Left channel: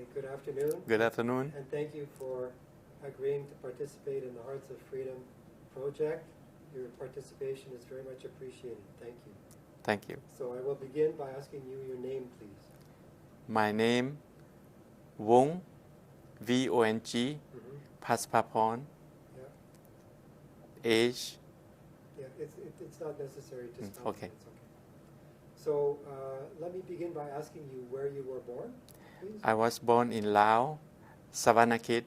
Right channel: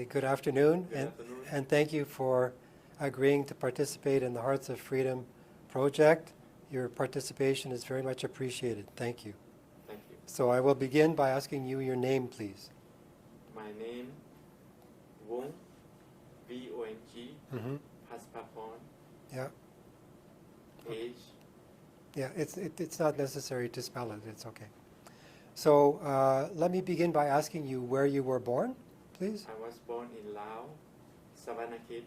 Hi, good afternoon. Good afternoon. And thank you for agreeing to participate in the Hearts of Freedom project. Your participation is very much appreciated. Thank you. Thank you. So I will begin by asking you your name, please. My name, Vong, V-O-N-G, Paspaporn. Yeah. Age. Yeah, it's not necessary to spell okay. it. It's okay. So let me begin by asking you where you were born, please. I was born in Laos, Savanakhet,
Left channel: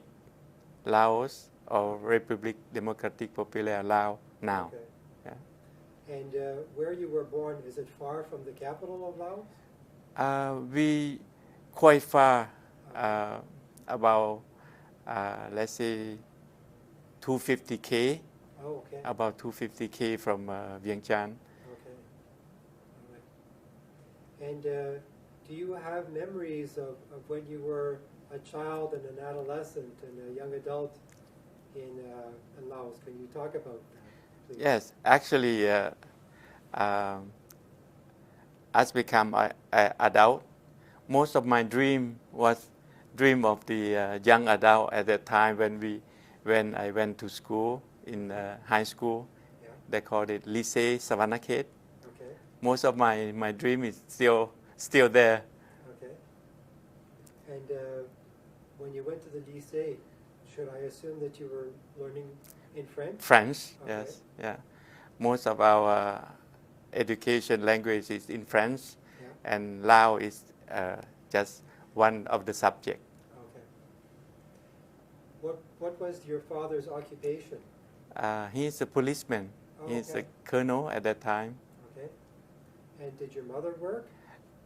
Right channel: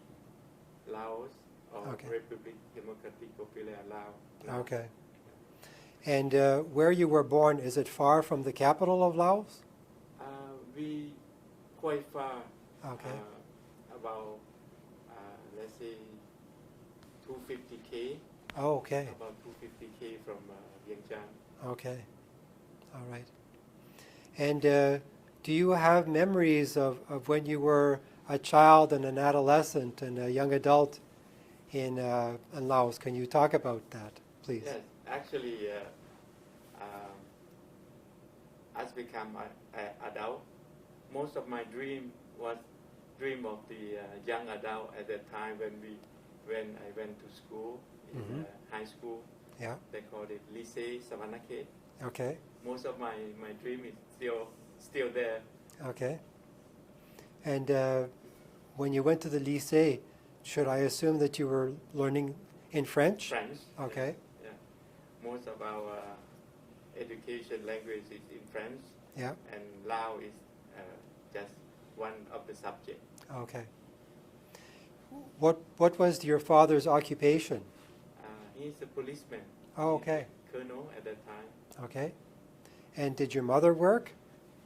Laos, or Okay. Republic Democratic Popular Laos now. Okay. Yeah. And where you were born, is it far from the capital of Laos? We quite far, Okay. about, let's say, 250K. Oh, okay. About 250K from Vientiane. Okay. All right. And do you have memories of when you were a child and an adolescent and a young adult in Laos? Can you talk about that, please? Yes, actually, as become an adult, most of my dream was dream of the young adult at that time when I went to school in high school. Yeah. They called it Lycée Savanakhet. Okay. Most of my dream is still there. Okay. And when you went to the lycée, should I assume that you were learning in French? French. Okay. Yes. Yeah. Most of our education language is in French. Yeah. And Lao is just one of the subjects. Okay. What was your father's occupation? He's a policeman. Oh, He's okay. a colonel at that time. Okay. And did your mother work?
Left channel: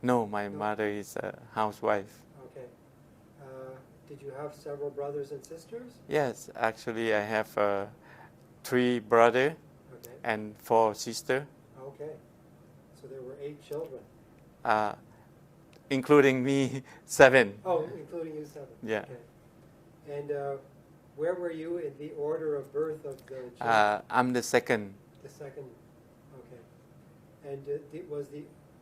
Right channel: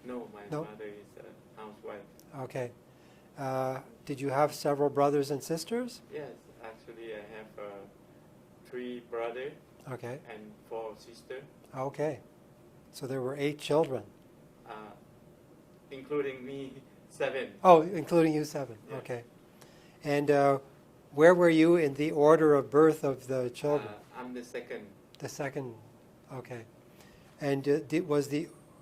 No, my No? mother is a housewife. Okay. Did you have several brothers and sisters? Yes, actually I have 3 brothers Okay. and 4 sisters, Okay. So there were 8 children. including me, 7. Oh, including you, 7. Yeah. Okay. And where were you in the order of birth of the children? I'm the second. The second. Okay. And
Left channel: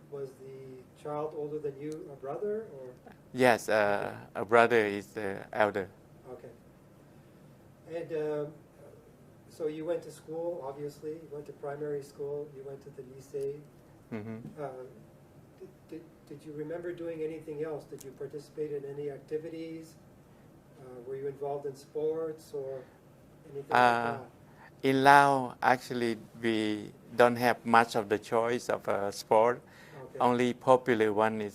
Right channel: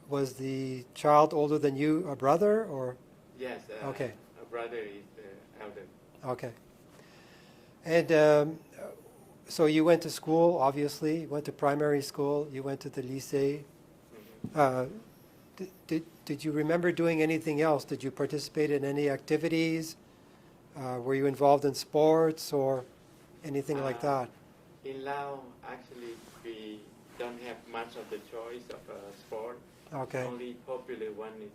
was the child older than you, a brother, or? Yes, Okay. a brother is the elder. Okay. And so you went to school, obviously. You went to primary school. You went to the lycée. Did you remember doing anything else? Did you participate in any activities? Were you involved in sports or anything like that? In Laos, actually, we don't have much of the choice of sport. Okay. Only popular one is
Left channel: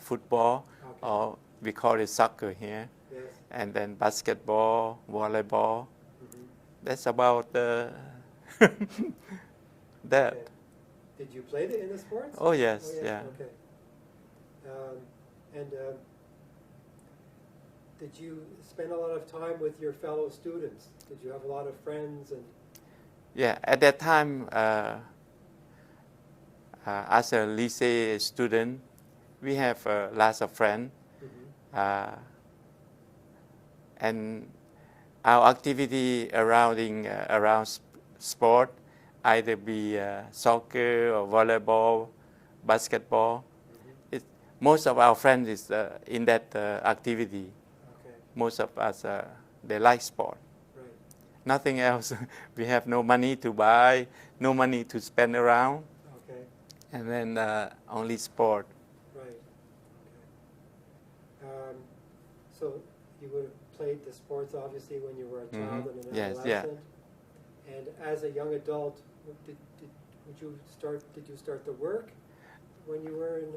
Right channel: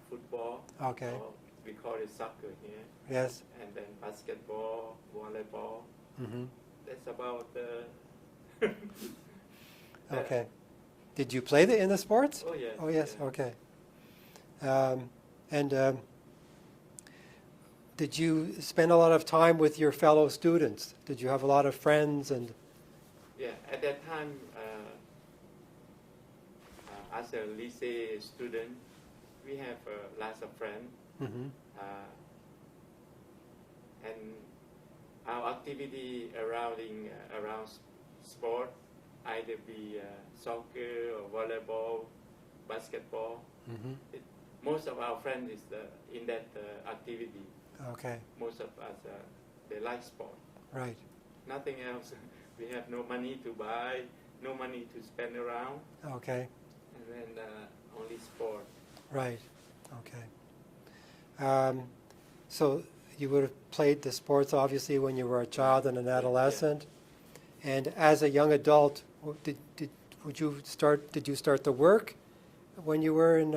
football, Okay. or we call it soccer here. Yes. And then basketball, volleyball. That's about that. Okay. Did you play in the sports? Oh yes. Oh yes. Yeah. Okay. And did you spend a lot of time with your fellow students? Did you have a lot of friends and? Yeah. At that time, as a lycée student, we have lots of friends, and our activity around sport, either be soccer or volleyball, basketball. Most of our friends is in that activity. Okay. Most of us, they like sport. Right. Nothing else. We have no money to buy, no money to spend around. Okay. And then only sport. Right. Okay. So you would have played the sports obviously when you were a child and an Yes, yeah. adolescent, and as a young adult, did you start to work when you were in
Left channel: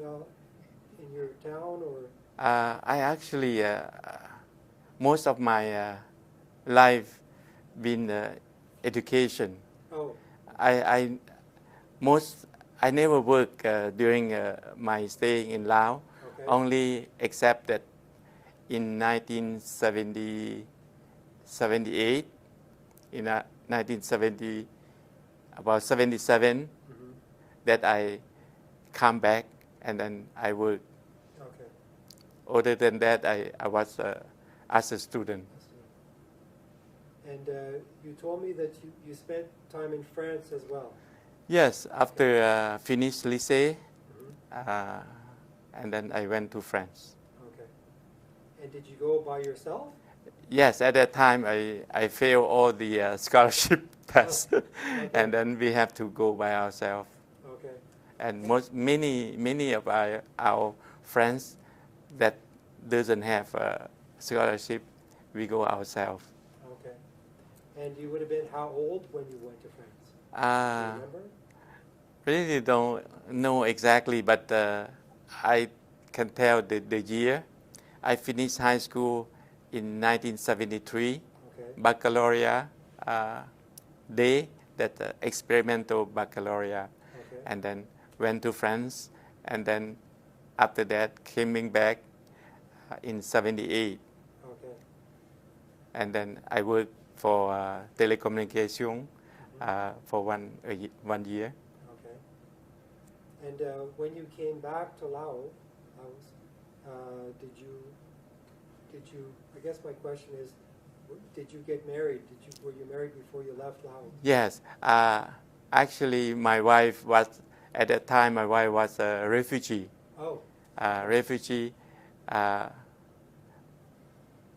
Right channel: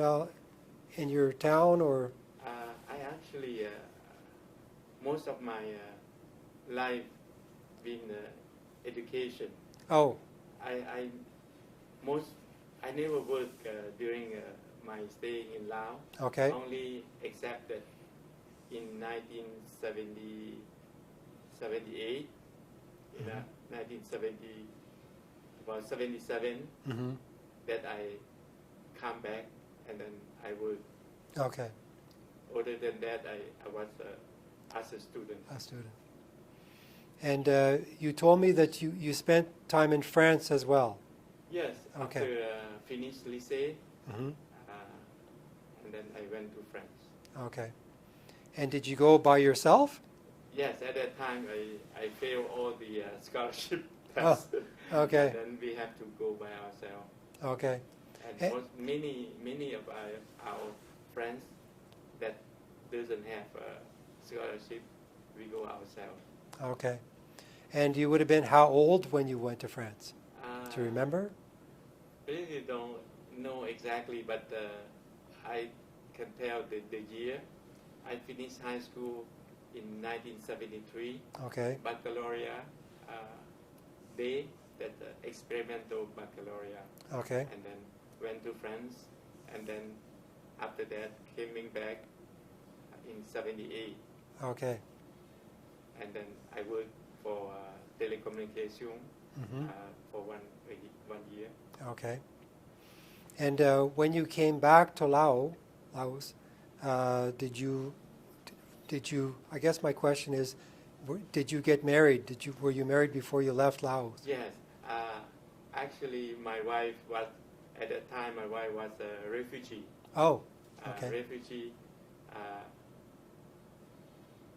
your town, or? I actually most of my life been education. Oh. I never work during my stay in Laos. Okay. Only except that in 1978, in 1970, about 77, that I come back and then I work. Okay. Other than that, I was as a student. A student. And you told me that you spent time in France as well. Yes, after finished lycée, and then I went to France. Okay. And did you go by yourself? Yes, at that time I failed all the scholarship tests, okay. and then we have to go by ourselves. Okay. And Eh, many of our friends that doesn't have a scholarship, we go ourselves. Okay. And you would have been how old when you went to France? Do you remember? Really don't know exactly, but I can tell the year. I finished high school in 1973, Okay. baccalaureate day, that experimental baccalaureate, Okay. and then went to France, and then after that coming back in 78, Okay. and then I worked for telecommunication for one year. Okay. And when you came back to Laos, did you? I guess my question is, did you get married? Were you married before you left Laos? Yes, actually, my wife was at that time. My wife was a refugee. Oh. Okay. Refugee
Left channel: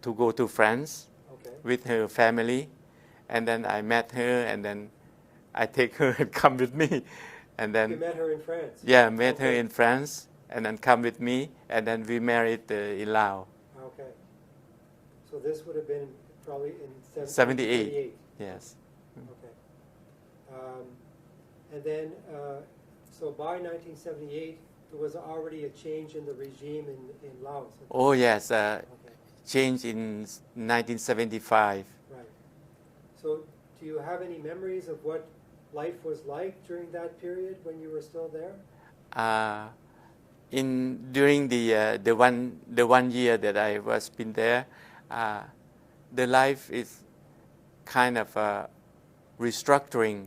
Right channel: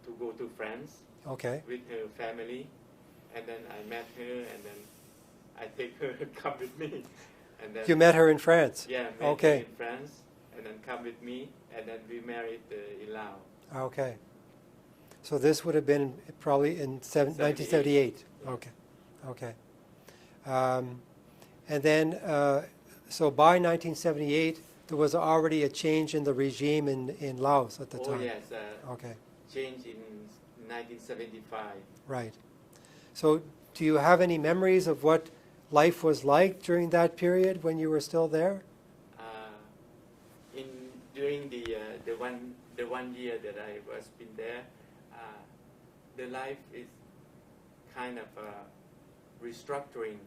to go to France Okay. with her family, and then I met her, and then I take her and come with me, and then You met her in France? yeah, met her Okay. in France, and then come with me, and then we married in Laos. Okay. So this would have been probably in 78. 1978. Yes. Okay. Okay. And then, so by 1978, there was already a change in the regime in Laos at the Oh time. yes, Okay. changed in 1975. Right. So do you have any memories of what life was like during that period when you were still there? During the one year that I was been there, the life is kind of restructuring,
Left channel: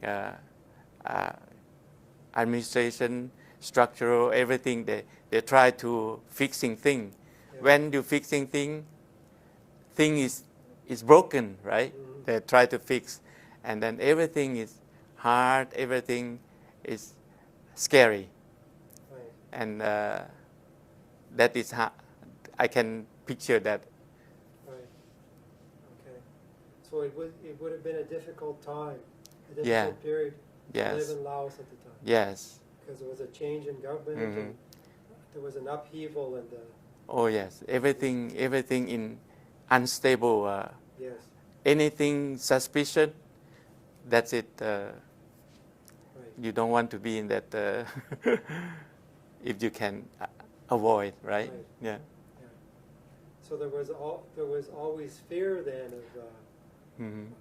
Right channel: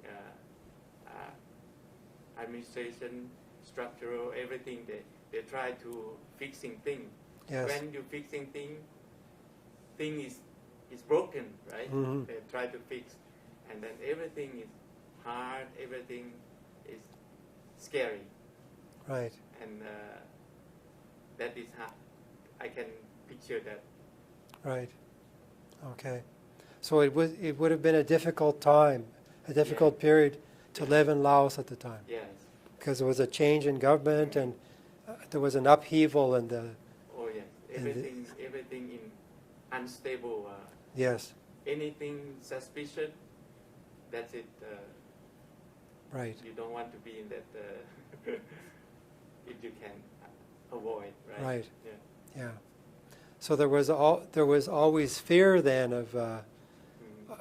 administration, structural, everything. They try to fixing thing. Yes. When you fixing thing is broken, right? Mhm. They try to fix, and then everything is hard. Everything is scary. Right. And that is how I can picture that. Right. Okay. So it would have been a difficult time, a difficult period to Yes. live in Laos at the time. Yes. Because there was a change in government and there was an upheaval in the Oh yes. Everything in unstable. yes. Anything suspicious, that's it. Right. You don't want to be in that if you can avoid, right? Right. Yeah. Yeah. So there was always fear then of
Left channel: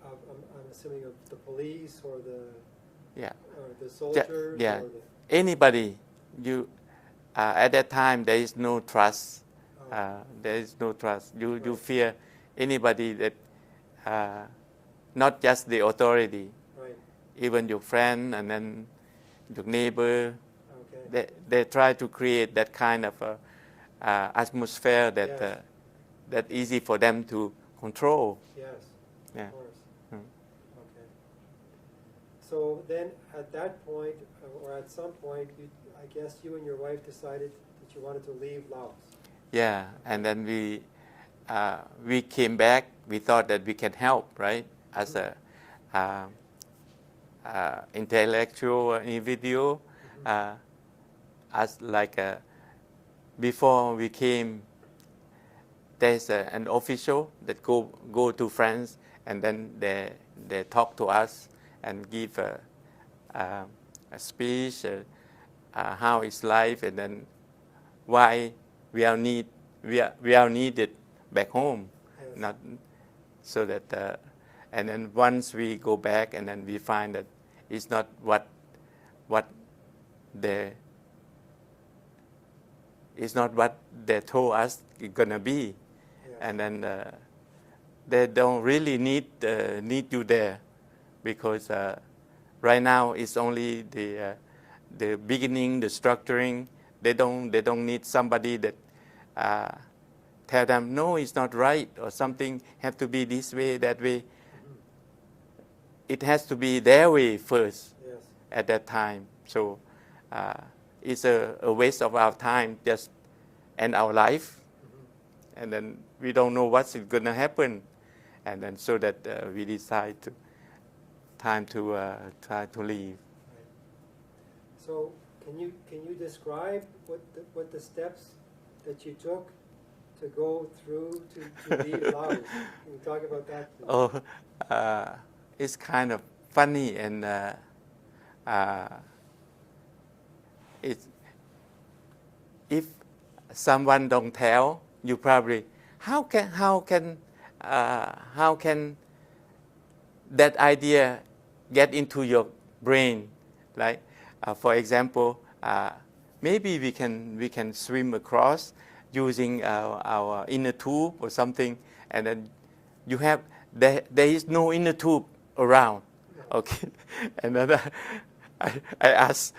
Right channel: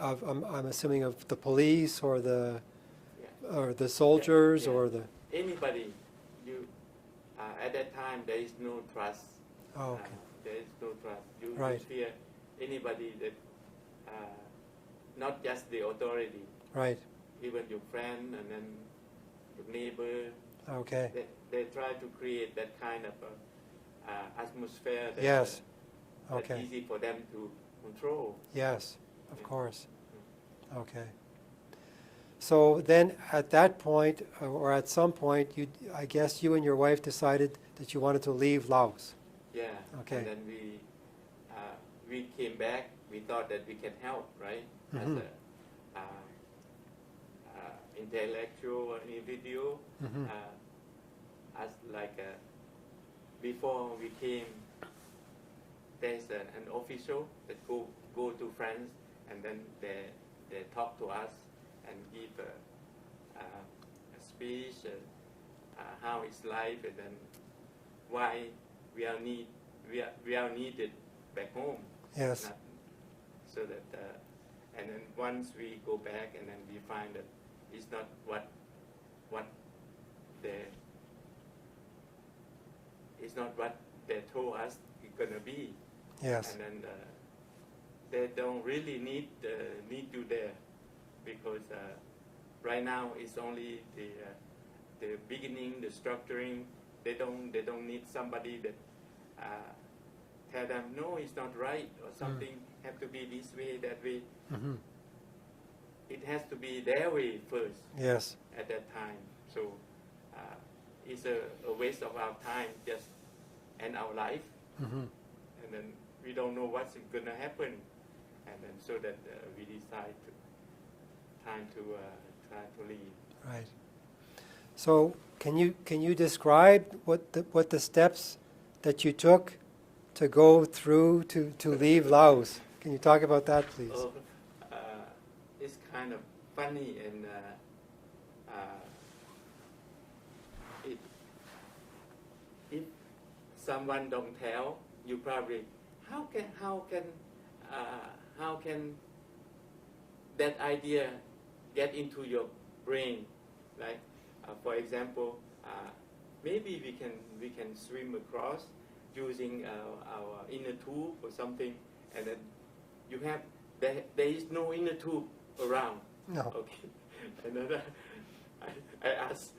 I'm assuming of the police or the Yeah. soldiers Yeah. or the Anybody, you at that time there is no trust. oh, There is no trust. You Right. fear anybody that not just the authority, right. even your friend and then your neighbor. Okay. They try to create that kind of atmosphere that Yes. that Okay. easy for them to control. Yes, of Yeah. course. Okay. So then at that point, or at some point, I guess you and your wife decided that you wanted to leave Laos. Yeah, and Okay. then we came back. We thought that we can help, right? As a intellectual individual, as like before we came, there's an official that go to France, and then they talk to us and give a speech, how is life, and then why we are needed back home. Yes. Not so that and then once we go back, and then we find that it's not what they it's not what they told us it's gonna be. Yes. And then they don't really need you there, because right now it's only the beginning, the structuring. They don't need somebody that tell them no, it's not right, or something have to be this way, that way. It has to be their way first. Yes. At that time, so it's a waste of our time, just and our life, and then we don't know what's going to happen, and then so that we decide to time to try to leave. Right. So can you describe what the steps that you took to go through to leave Laos? Can you talk about that, please? Oh, it's kind of funny, and it, if someone don't tell, you probably how can that idea get into your brain? Like, for example, maybe we can swim across using our inner tube or something, and then you have there is no inner tube around. No. Okay, and then I asked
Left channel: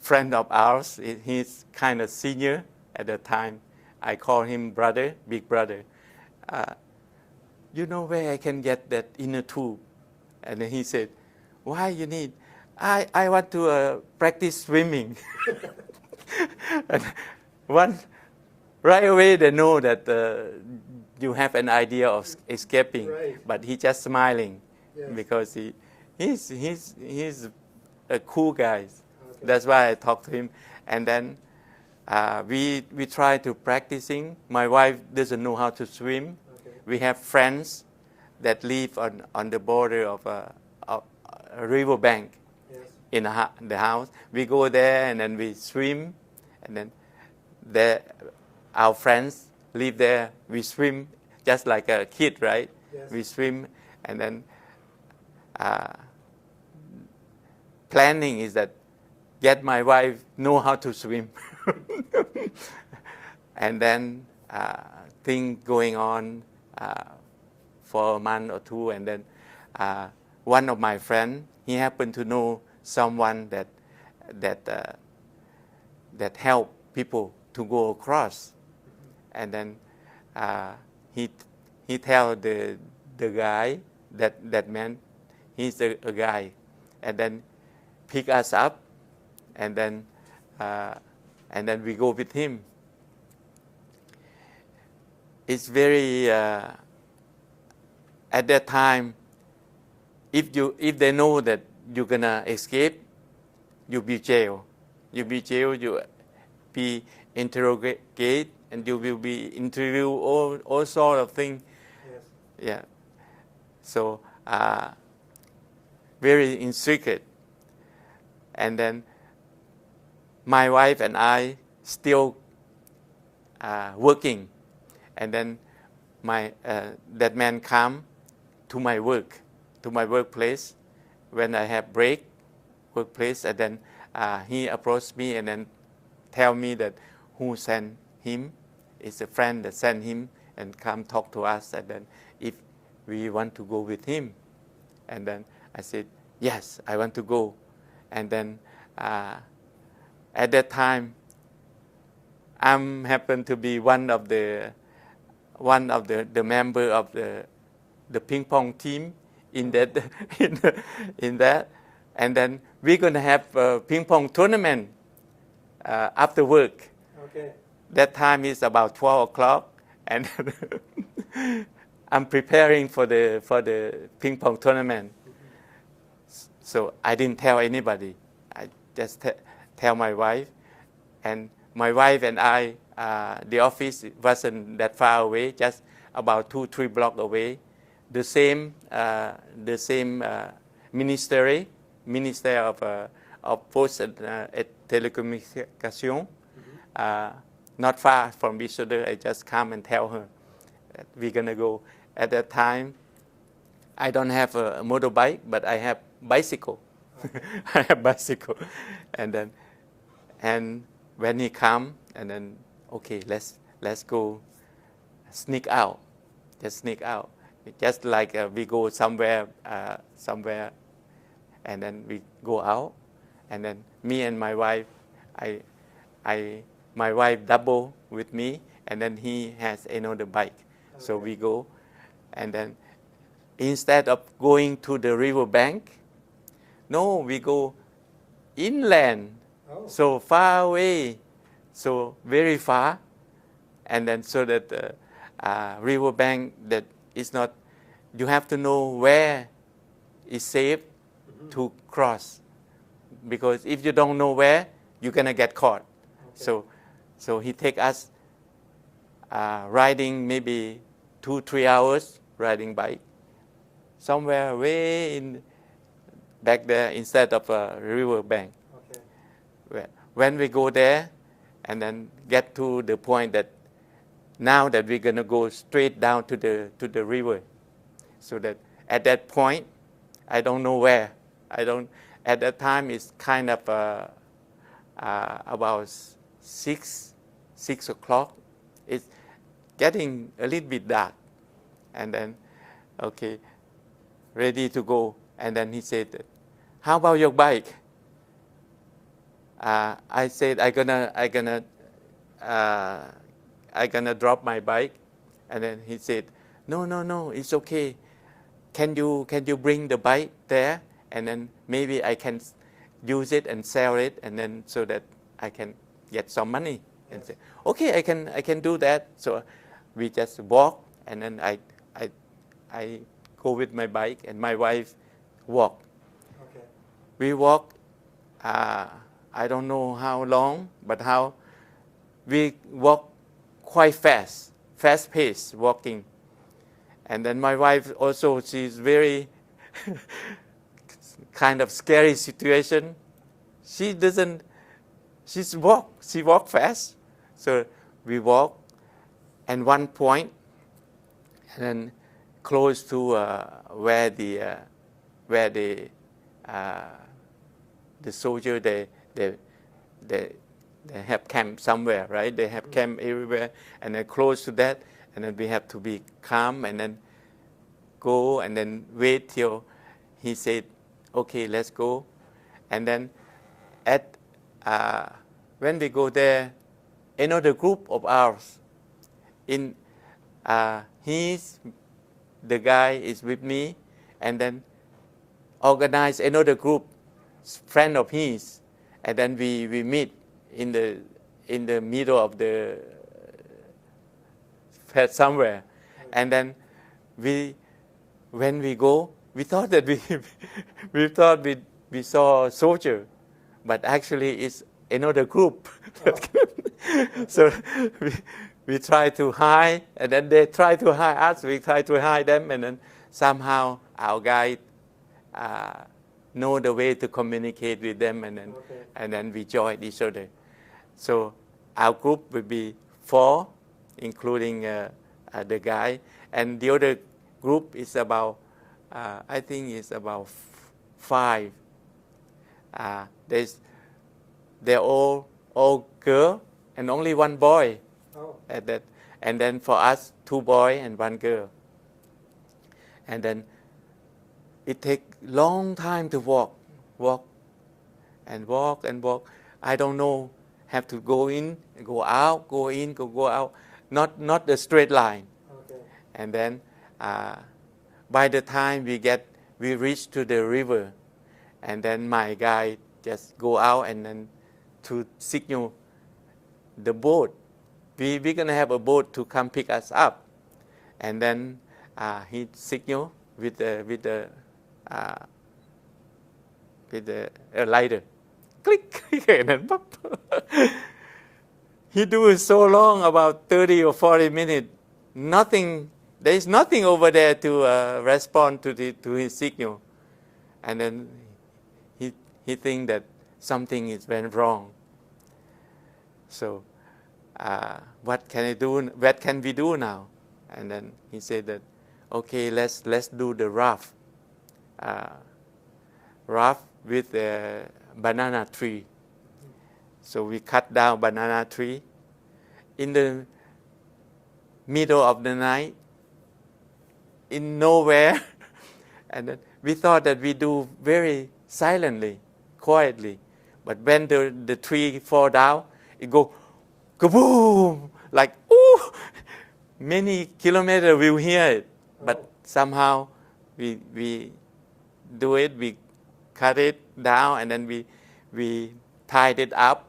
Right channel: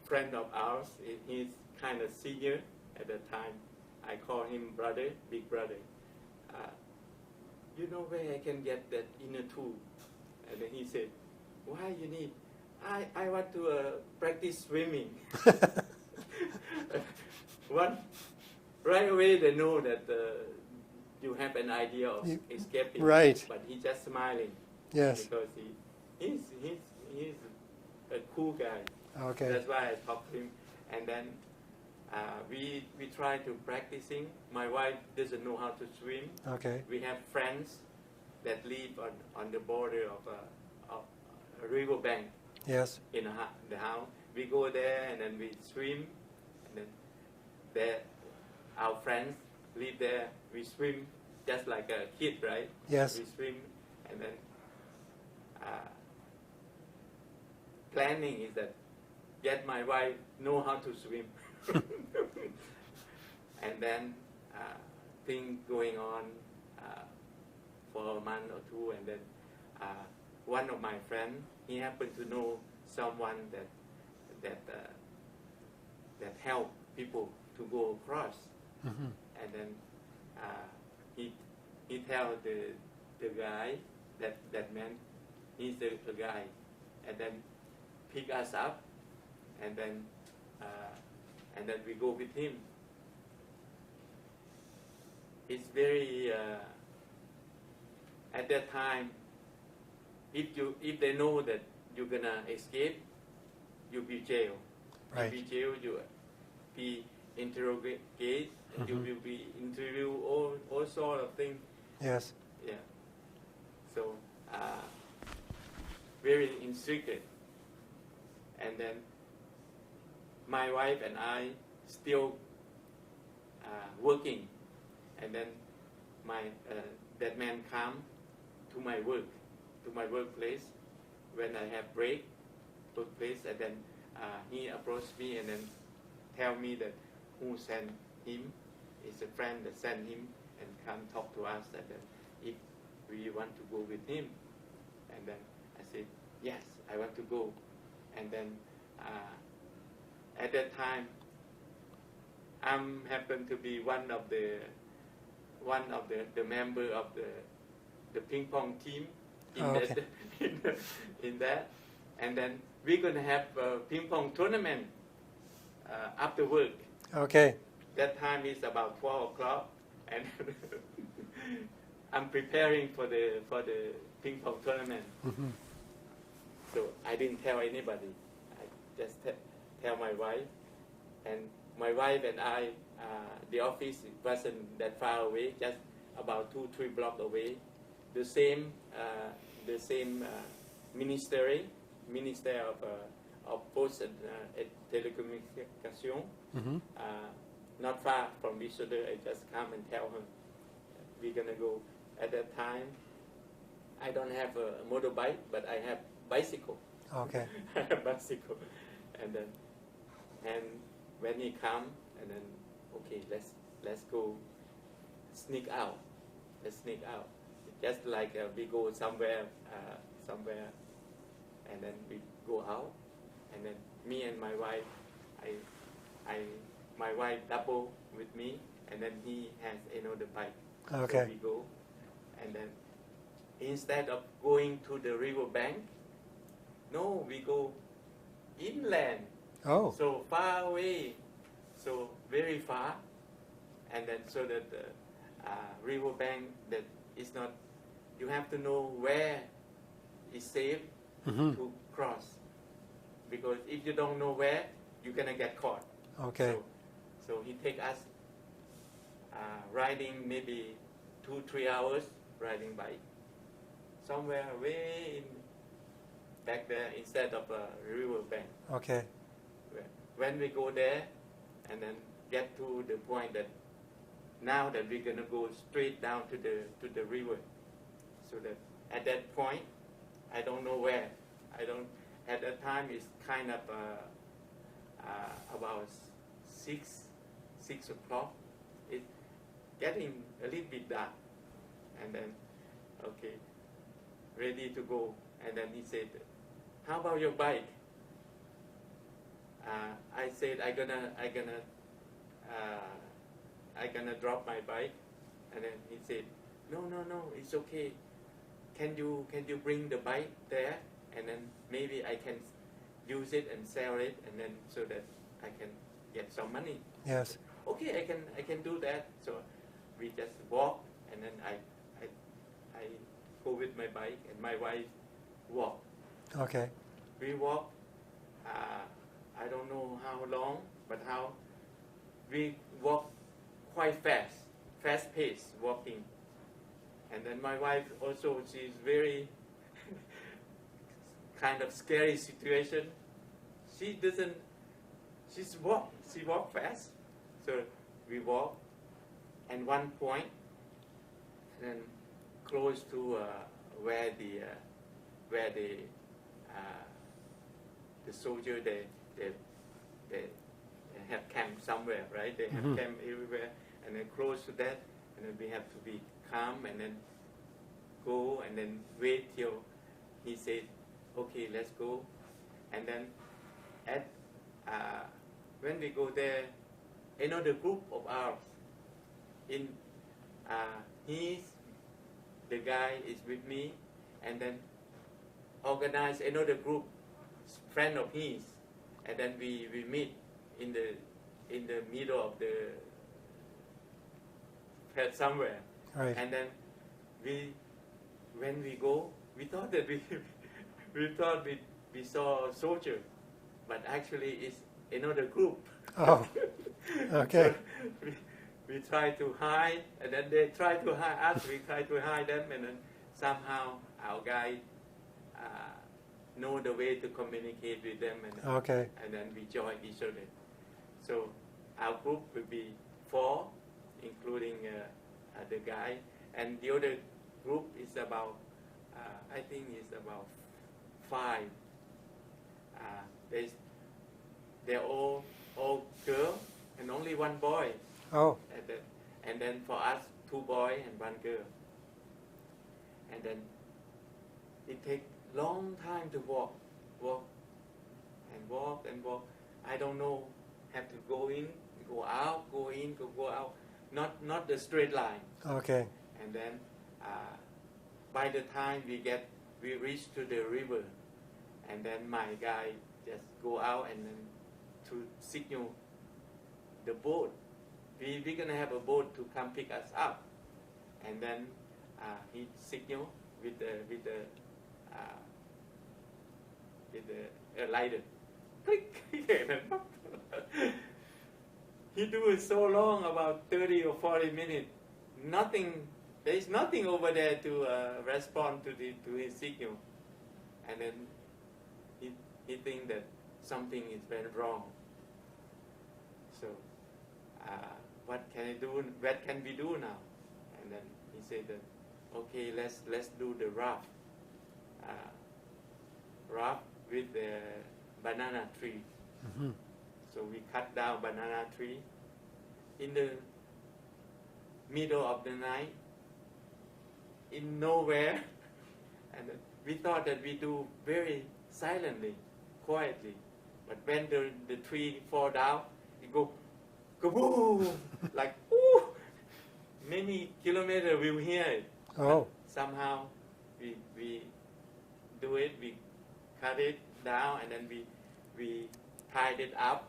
friend of ours. He's kind of senior at the time. I call him brother, big brother. You know where I can get that inner tube? And then he said, why you need? I want to practice swimming. And right away they know that you have an idea of escaping. Right. But he just smiling. Yes. Because he's a cool guy. Okay. That's why I talked to him. And then we try to practicing. My wife doesn't know how to swim. Okay. We have friends that live on the border of a river bank. Yes. In the house. We go there and then we swim, and then our friends live there. We swim just like a kid, right? Yes. We swim, and then planning is that get my wife know how to swim. And then thing going on for a month or two, and then one of my friends, he happened to know someone that help people to go across, and then he tell the guy that man, he's a guy, and then pick us up, and then we go with him. It's very at that time. If they know that you're gonna escape, you'll be jail. You'll be jail. You be interrogated, and you will be interviewed all sort of things. Yes. Yeah. So very in secret. And then my wife and I still working, and then that man come to my workplace when I have workplace, and then he approached me and then tell me that who sent him. It's a friend that sent him and come talk to us, and then if we want to go with him. And then I said, yes, I want to go. And then at that time, I happened to be one of the member of the ping pong team in that, and then we're gonna have a ping pong tournament after work. Okay. That time is about 12 o'clock, and I'm preparing for the ping pong tournament. So I didn't tell anybody. I just tell my wife, and my wife and I, the office wasn't that far away, just about 2-3 blocks away. The same minister of Post and Telecommunication, not far from each other. I just come and tell her that we're gonna go. At that time, I don't have a motorbike, but I have bicycle. Okay. I have bicycle, and when he come, and then okay, let's go, sneak out, just like we go somewhere, and then we go out, and then me and my wife, my wife double with me, and then he has another bike, so we go, and then instead of going to the river bank, no, we go inland. Oh. So far away, so very far, and then so that river bank that is not, you have to know where is safe to cross, because if you don't know where, you're gonna get caught. Okay. So he take us riding maybe 2-3 hours riding bike somewhere way in back there instead of a river bank. Okay. When we go there and then get to the point that now that we're gonna go straight down to the river, so that at that point I don't know where. At that time it's kind of about 6 o'clock. It's getting a little bit dark, and then okay, ready to go. And then he said, "How about your bike?" I said, "I gonna drop my bike," and then he said, "No, it's okay. Can you bring the bike there, and then maybe I can use it and sell it, and then so that I can get some money." Yes. Said, okay, I can do that. So we just walk, and then I go with my bike, and my wife walk. Okay. We walk. I don't know how long, but we walk quite fast paced walking. And then my wife also, she's very kind of scary situation. She walk fast. So we walk, and one point, and then close to where the soldier they have camp somewhere, right? They have camp everywhere, and then close to that, and then we have to be calm and then go and then wait till he said, "Okay, let's go." And then when we go there, another group of ours, the guy is with me, and then organize another group, friend of his, and then we meet in the middle of the fed somewhere. Right. And then when we go, we thought that we saw a soldier, but actually it's another group. Oh. Okay. So we try to hide, and then they try to hide us. We try to hide them, and then somehow our guide know the way to communicate with them, and then, Okay. and then we join each other. So our group will be 4, including the guy, and the other group is about, I think it's about 5. They're all girl and only one boy. Oh. At that, and then for us, 2 boys and 1 girl. And then it takes long time to walk. I don't know, have to go in, go out, go in, go out, not the straight line. Okay. And then by the time we reach to the river, and then my guy just go out and then to signal the boat. We're gonna have a boat to come pick us up, and then he signal with the lighter, click, and then pop. He do it so long, about 30 or 40 minutes. Nothing. There is nothing over there to respond to his signal, and then he think that something is went wrong. So what can I do? What can we do now? And then he said that, okay, let's do the raft with a banana tree. Mm-hmm. So we cut down banana tree in the middle of the night, in nowhere, and then we thought that we do very silently, quietly, but when the tree fall down, it go kaboom, like ooh, many kilometers we'll hear it. Oh. But somehow we do it, we cut it down, and then we tied it up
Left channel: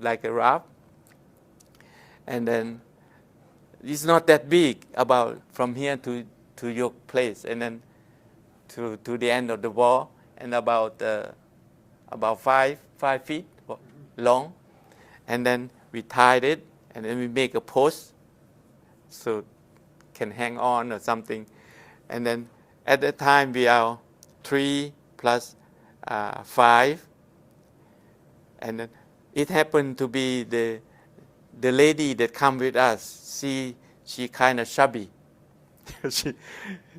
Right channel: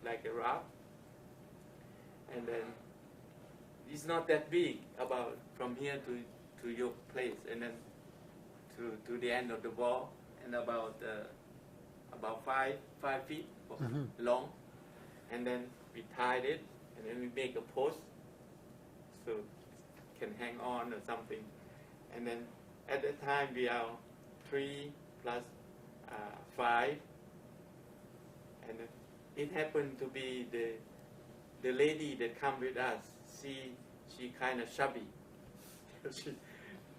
like a raft, and then it's not that big, about from here to your place, and then to the end of the wall, and about 5 feet long, and then we tied it, and then we make a post so can hang on or something, and then at that time we are 3 plus 5, and then it happened to be the lady that come with us. She kind of chubby. She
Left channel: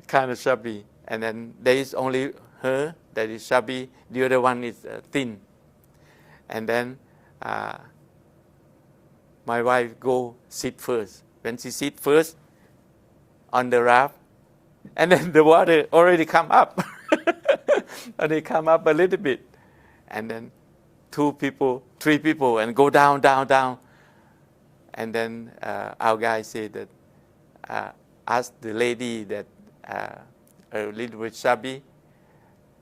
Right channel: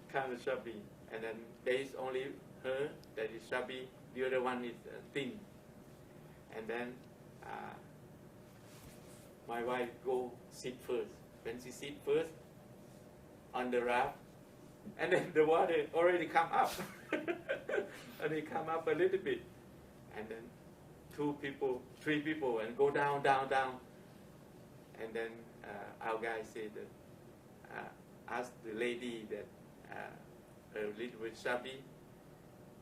kind of chubby, and then there is only her that is chubby. The other one is thin, and then my wife go sit first. When she sit first on the raft, and then the water already come up, and they come up a little bit, and then 2 people, 3 people, and go down, down, down. And then our guy said that, ask the lady that a little bit chubby,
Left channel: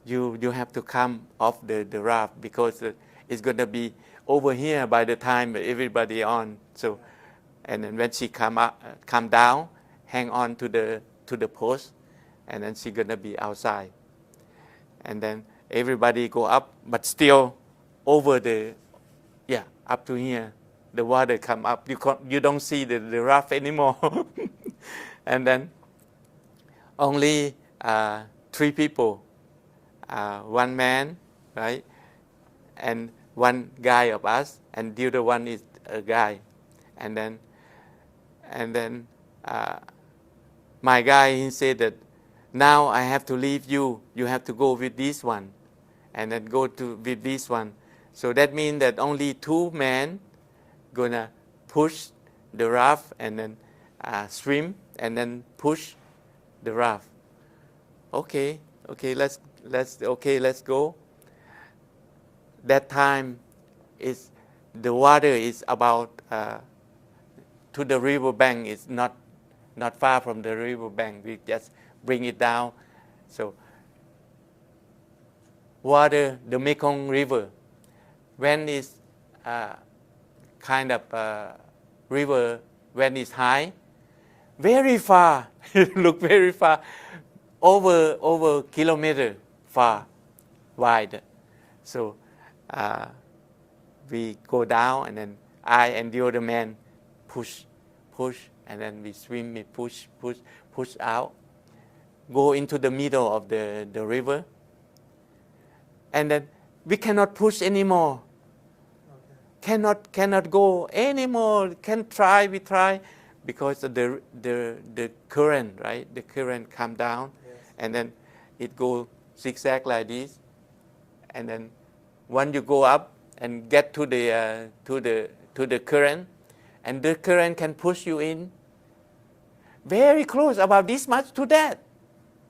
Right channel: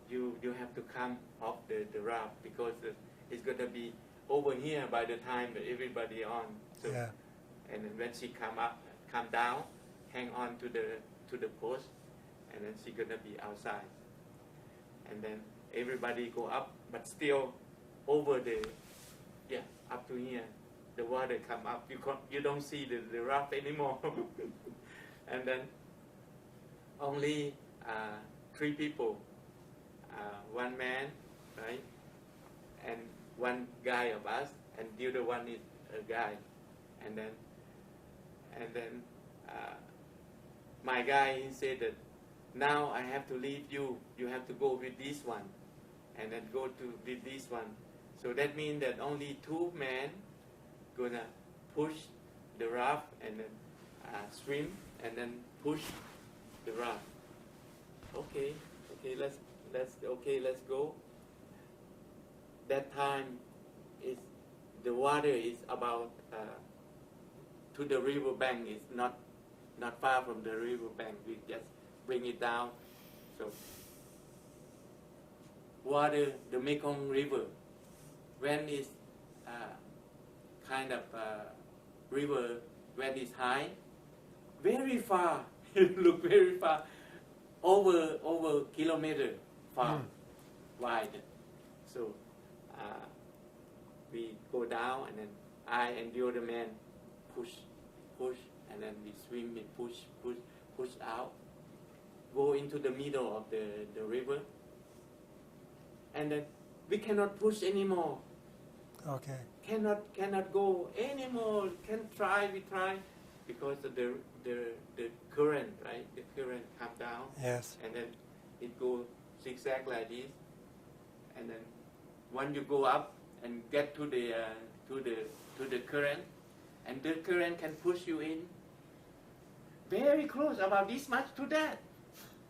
you have to come off the raft, because it's going to be over here by the time everybody on. So, Yeah. and then when she come down, hang on to the post, and then she's going to be outside. And then everybody go up, but still over up to here. The water come up. You don't see the raft anymore. And then only 3 people, 1 man, right, and 1 guy of us, and the other one is a guy. And then my guy, he said that now I have to leave you. You have to go with this one, and then go with this one. So that means that only 2 men gonna push the raft, and then swim, and then push the raft. Okay, let's go. That time the water is about to the river bank. It's not far from the river bank. We just bring it down. So water, the Mekong River, when it's kind of river, when it's high, very far. Look very far, over kilometer far, wide. So we go down, and then I and the other man push, and then we swim, we push out, go into the middle of the river, and then we cannot push anymore. Okay. Cannot go anymore. We try, because of the current, right? The current come down, Yes. and then it go zigzag like this, and then when you go up and get to the current, and the current can push you in very close, about this much to that.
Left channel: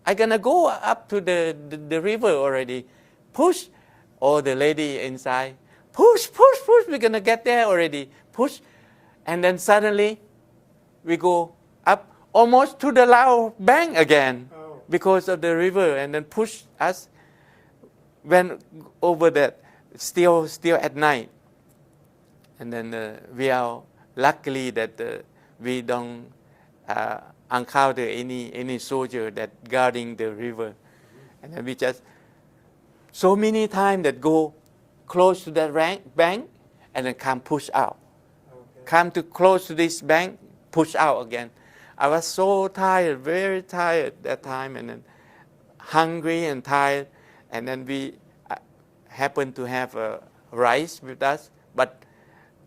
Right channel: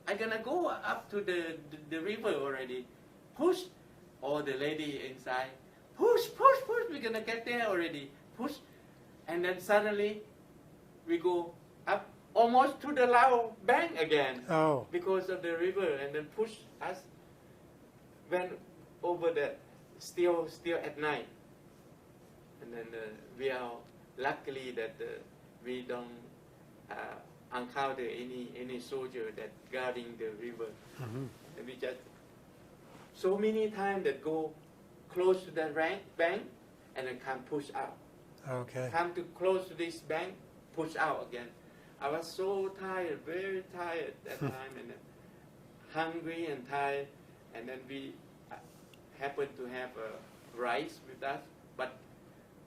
I'm gonna go up to the river already. Push, or the lady inside, push. We're gonna get there already. Push, and then suddenly we go up almost to the Lao bank again, Oh. because of the river, and then push us. When over that, still at night, and then we are luckily that we don't encounter any soldier that guarding the river, and then we just so many times that go close to that bank, and then come push out. Okay. Come to close to this bank, push out again. I was so tired, very tired that time, and then hungry and tired, and then we happened to have rice with us, but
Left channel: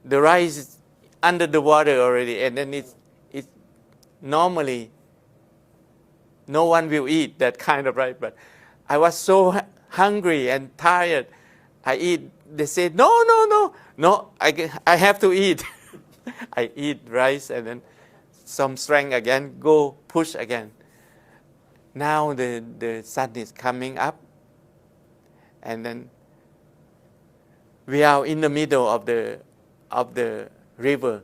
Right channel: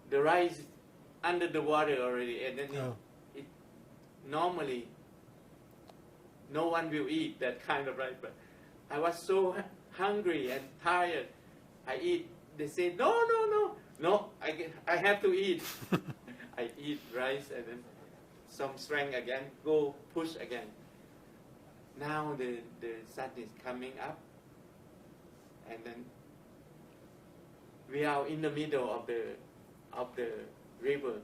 the rice is under the water already, and then it's normally no one will eat that kind of rice, but I was so hungry and tired. I eat. They said, no, I have to eat. I eat rice, and then some strength again, go push again. Now the sun is coming up, and then we are in the middle of the river.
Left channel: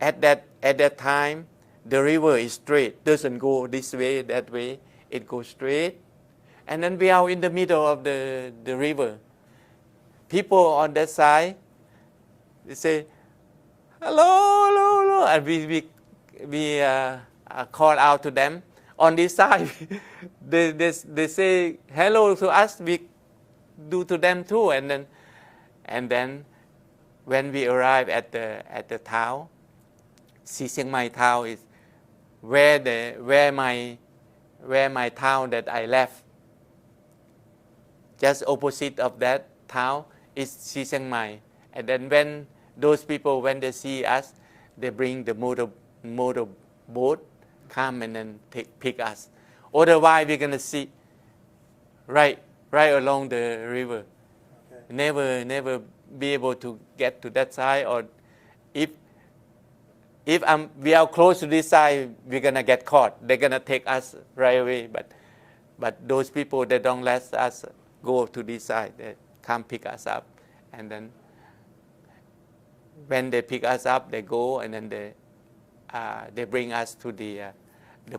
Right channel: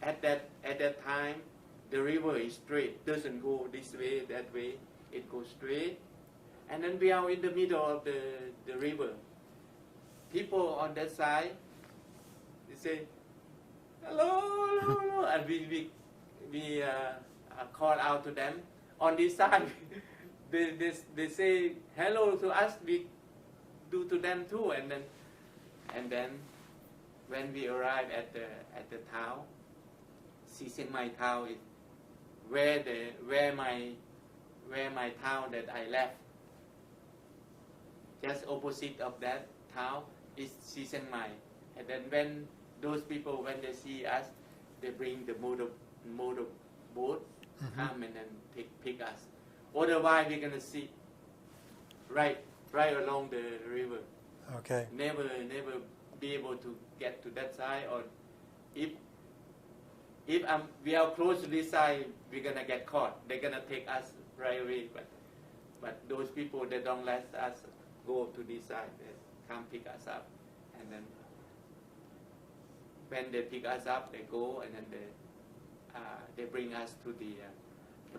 At that time, the river is straight, doesn't go this way, that way. It goes straight, and then we are in the middle of the river. People on that side, they say, hello, and we call out to them. On this side, they say hello to us. We do to them too, and then when we arrive at the town, Si Chiang Mai town is where my town that I left. Just opposite of that town is Si Chiang Mai, and then when those people, when they see us, they bring the motor boat, come and then pick us. Otherwise, we're gonna see right along the river. Okay. Never be able to get to that side, or if we are close to this side, we're gonna get caught. They're gonna take us right away. But those people, they don't let us go to this side. They come pick us up, and then when they pick us up, they go and then they bring us to the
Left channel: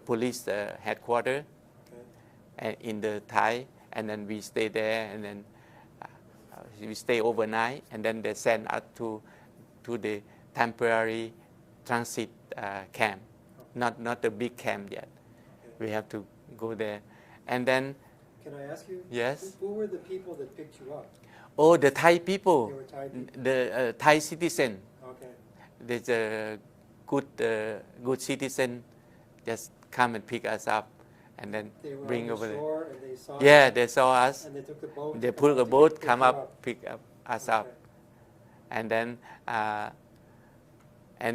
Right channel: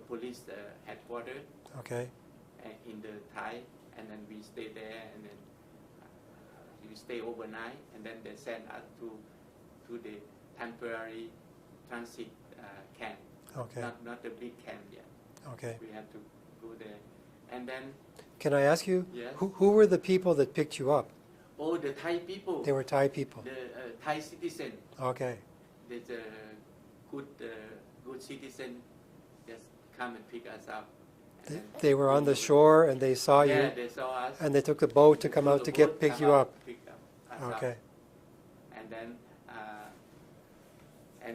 police headquarters. Okay. In the Thai, and then we stay there, and then we stay overnight, and then they send us to the temporary transit camp. Okay. Not the big camp yet. Okay. We have to go there, and then. Can I ask you? Yes. Who were the people that picked you up? Oh, the Thai people. They were Thai people. The Thai citizen. Okay. There's a good citizen, just come and pick us up, and then. They were on the over shore and they saw you. Yeah, they saw us. And they took the boat They to come pull out the to boat, pick come you up. pick us up, Okay. and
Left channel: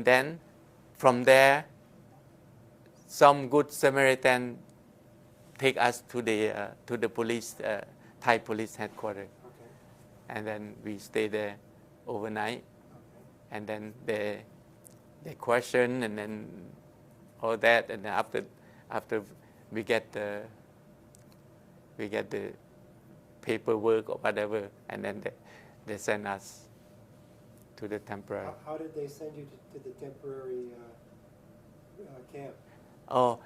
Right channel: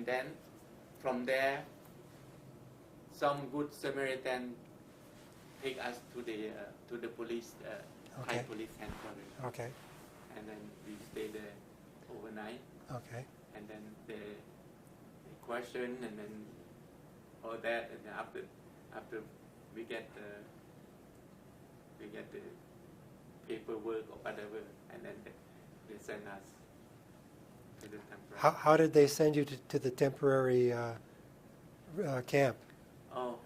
then from there, some good Samaritan take us to the police Thai Okay. police headquarters, Okay. and then we stay there overnight, Okay. and then they question, and then all that, and then after we get the paperwork or whatever, and then they send us to the temporary. How did they send you to the temporary camp? Oh,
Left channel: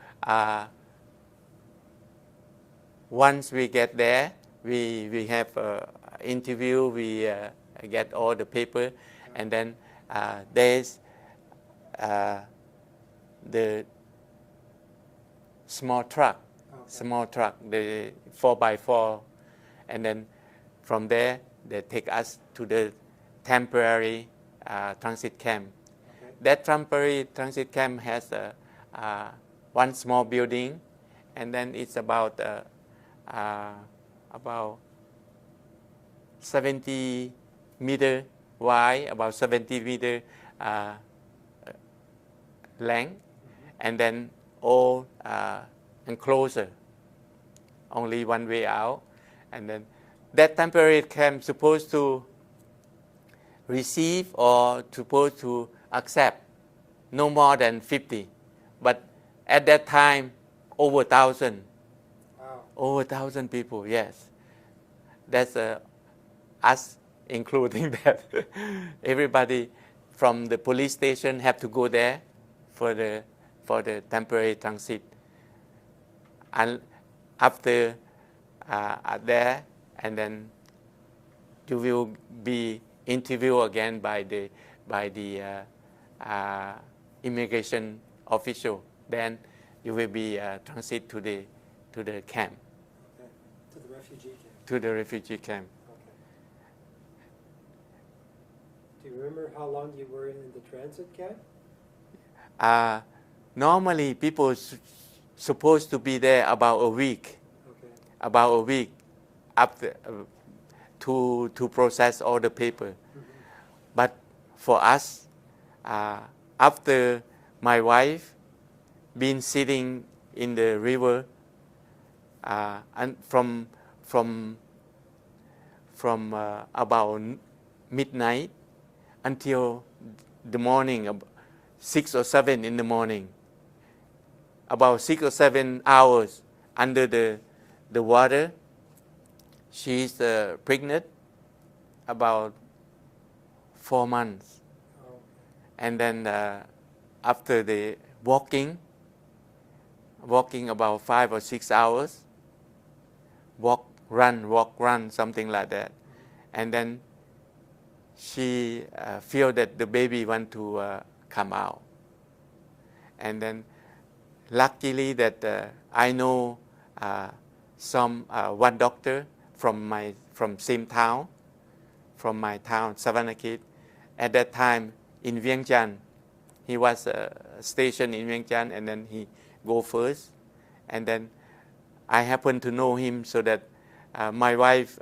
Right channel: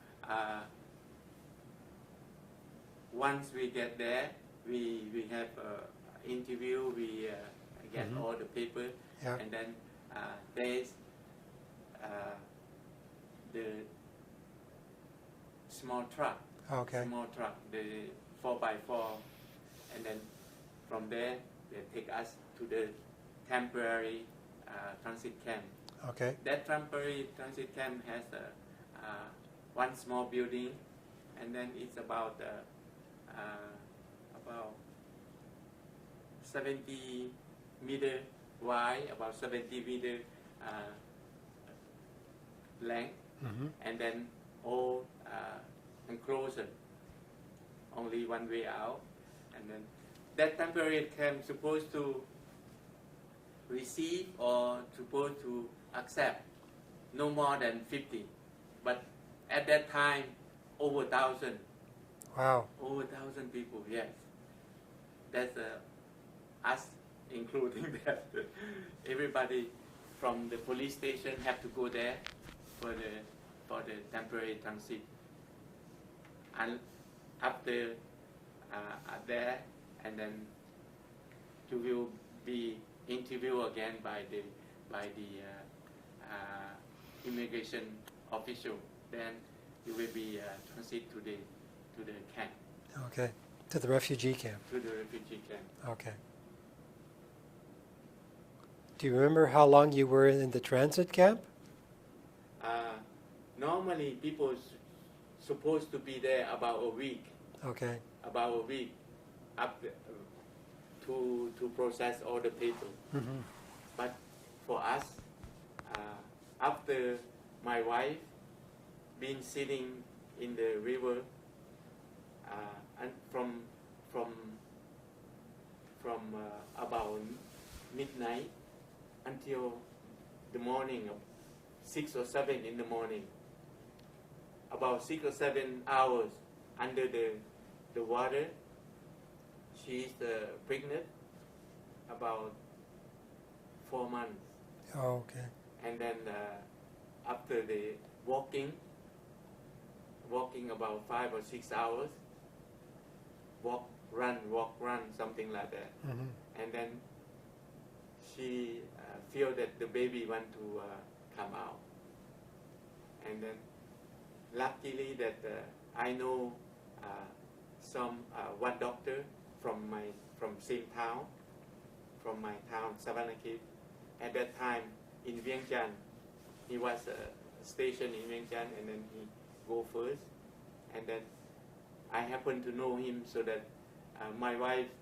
once we get there, we have interview. We get all the paper, Yeah. and then there's the small truck. Okay. Small truck, the 4x4, and then from there they take us to the temporary transit camp. Okay. That temporary transit camp has one small building, and then it's about 70 meter wide, about 70 meter length, and then all enclosure, only one way out, and then that temporary camp supposed to receive or supposed to accept no more than 50, but at that time over 1,000. Wow. Over 1,000 people, yes. That's us including that. Everybody from the police station have to go there for the temporary transit. And after there, and then you will be interviewed again by the immigration official. Then you will be transit to the camp. Okay. To the refugee camp. To the refugee camp. Okay. Do you remember how long you were in the transit camp? Normally, people supposed to be there about a week. Okay. About a week after to process all the paper. But for us, after my wife been sitting in the river, and from about midnight until the morning, 6 or 7 in the morning, about 6 or 7 hours under the water. She's pregnant, about 4 months. Oh, okay. And then after the walking about 5 or 6 hours, walk, run, something like that. And then she feel that the baby want to come out. And then luckily that I know one doctor from same town, from my town, Savannakhet. At that time in Vientiane, he was stationed in Vientiane, and then he go first, and then I happened to know him, so that my wife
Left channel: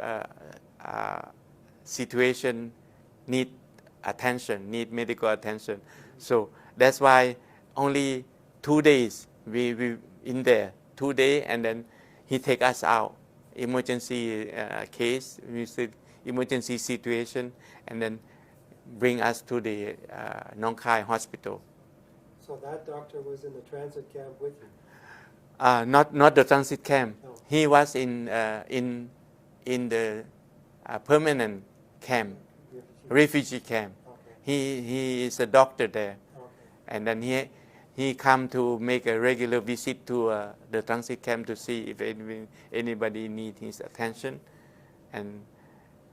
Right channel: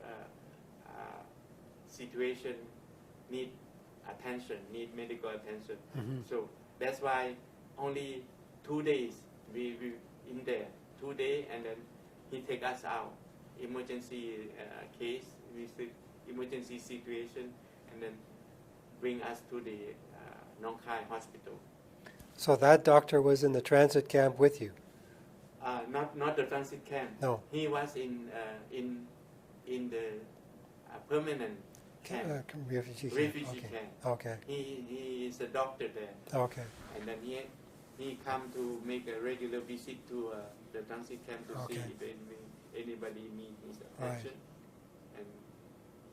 situation need attention, need medical attention. So that's why only 2 days we in there, 2 days, and then he take us out. Emergency case, we said emergency situation, and then bring us to the Nong Khai hospital. So that doctor was in the transit camp with you? Not the transit camp. No. He was in the permanent camp, refugee camp. Okay. He is a doctor there, Okay. and then he come to make a regular visit to the transit camp to see if anybody need his attention, and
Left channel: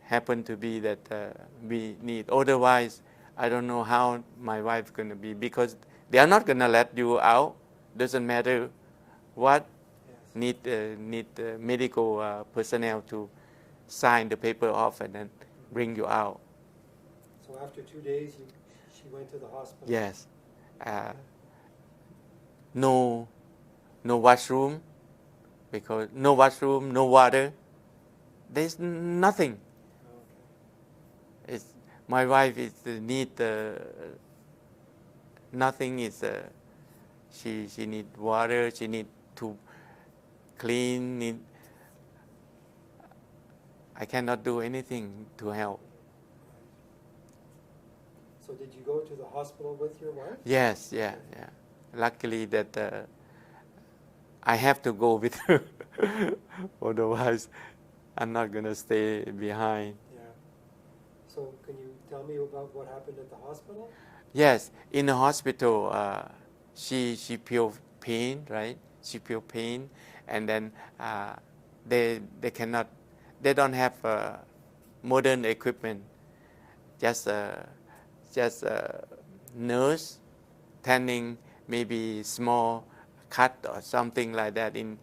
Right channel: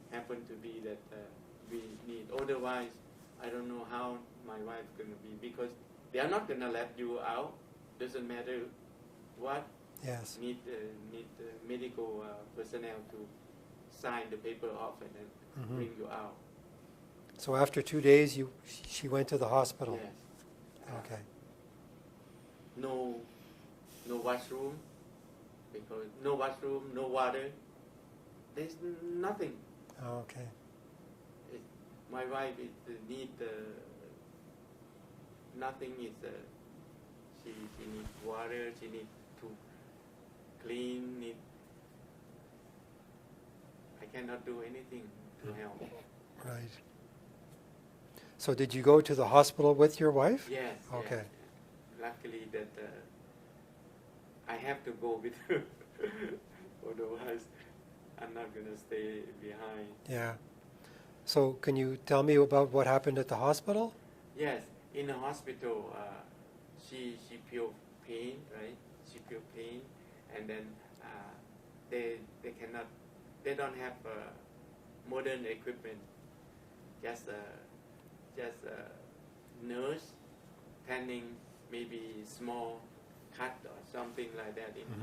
happen to be that we need. Otherwise, I don't know how my wife going to be, because they are not going to let you out. Doesn't matter what. Yes. Need medical personnel to sign the paper off and then bring you out. So after 2 days, she went to the hospital? Yes. Okay. No washroom, because no washroom, no water. There's nothing. Okay. My wife is need nothing. Is she need water. She need to clean. I cannot do anything to help. Right. So did you go to the hospital with your wife? Yes. Okay. Yeah. Luckily that I have to go with her. Otherwise, I'm not gonna stay behind. Yeah. So can you tell me about what happened at the hospital? Yes, in the hospital, she feel pain, right? She feel pain, and then they don't have modern equipment. Just nurse tending maybe small cut or something like that in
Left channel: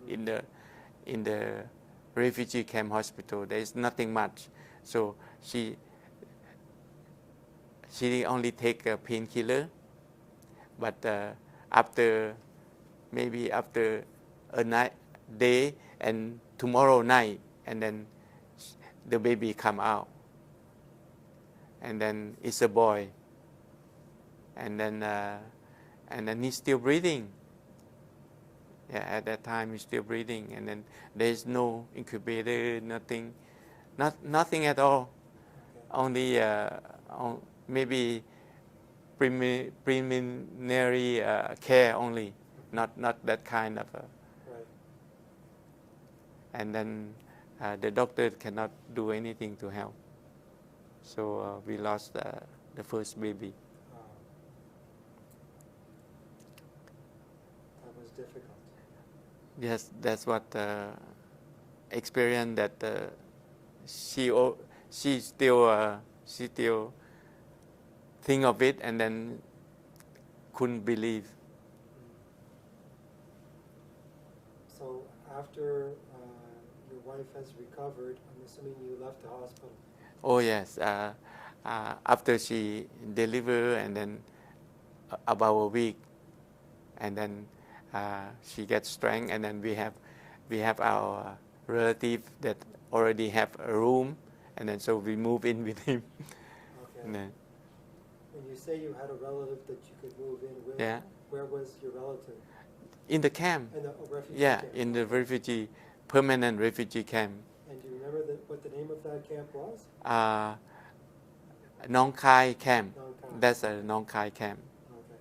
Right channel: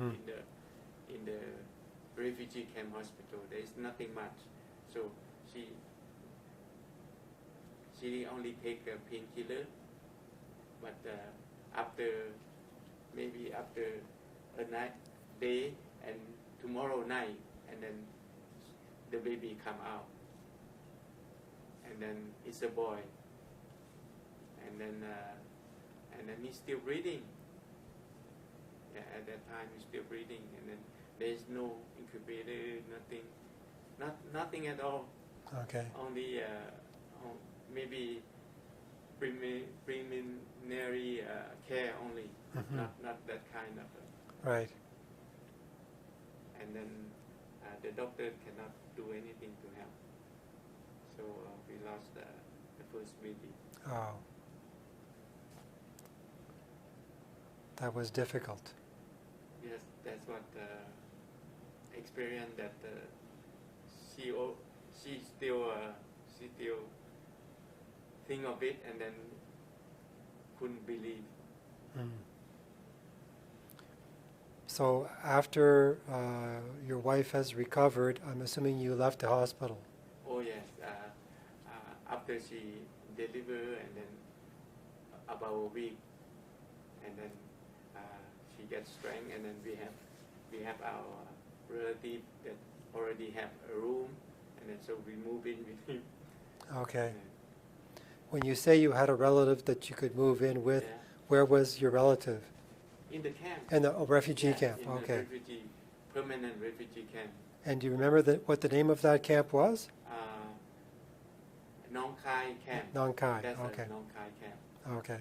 the refugee camp hospital. There is nothing much, so she only take a painkiller, but after a day and tomorrow night, and then the baby come out, and then it's a boy, and then he's still breathing. Yeah, at that time he's still breathing, and then there's no incubator, nothing at all. Okay. Only maybe preliminary care only, not that kind of. Right. And then the doctor cannot do anything to help. So we lost the first baby. Oh. That was difficult. Yes, that's what experience that she still think of it, and then couldn't believe. So after your wife has recovered, I'm assuming you left the hospital. Oh yes, after she delivered, and then about a week, and then she gets strength, and then we have our relative that already have a room, and then so we move in with him. Okay. When you say you had a relative that you could move in with, Yeah. Where was your relative? In the camp. In the refugee camp? In the permanent refugee camp. And do you remember what the name of that camp was? Nong Khai camp. Nong Khai. That's okay. a Nong Khai camp. Okay.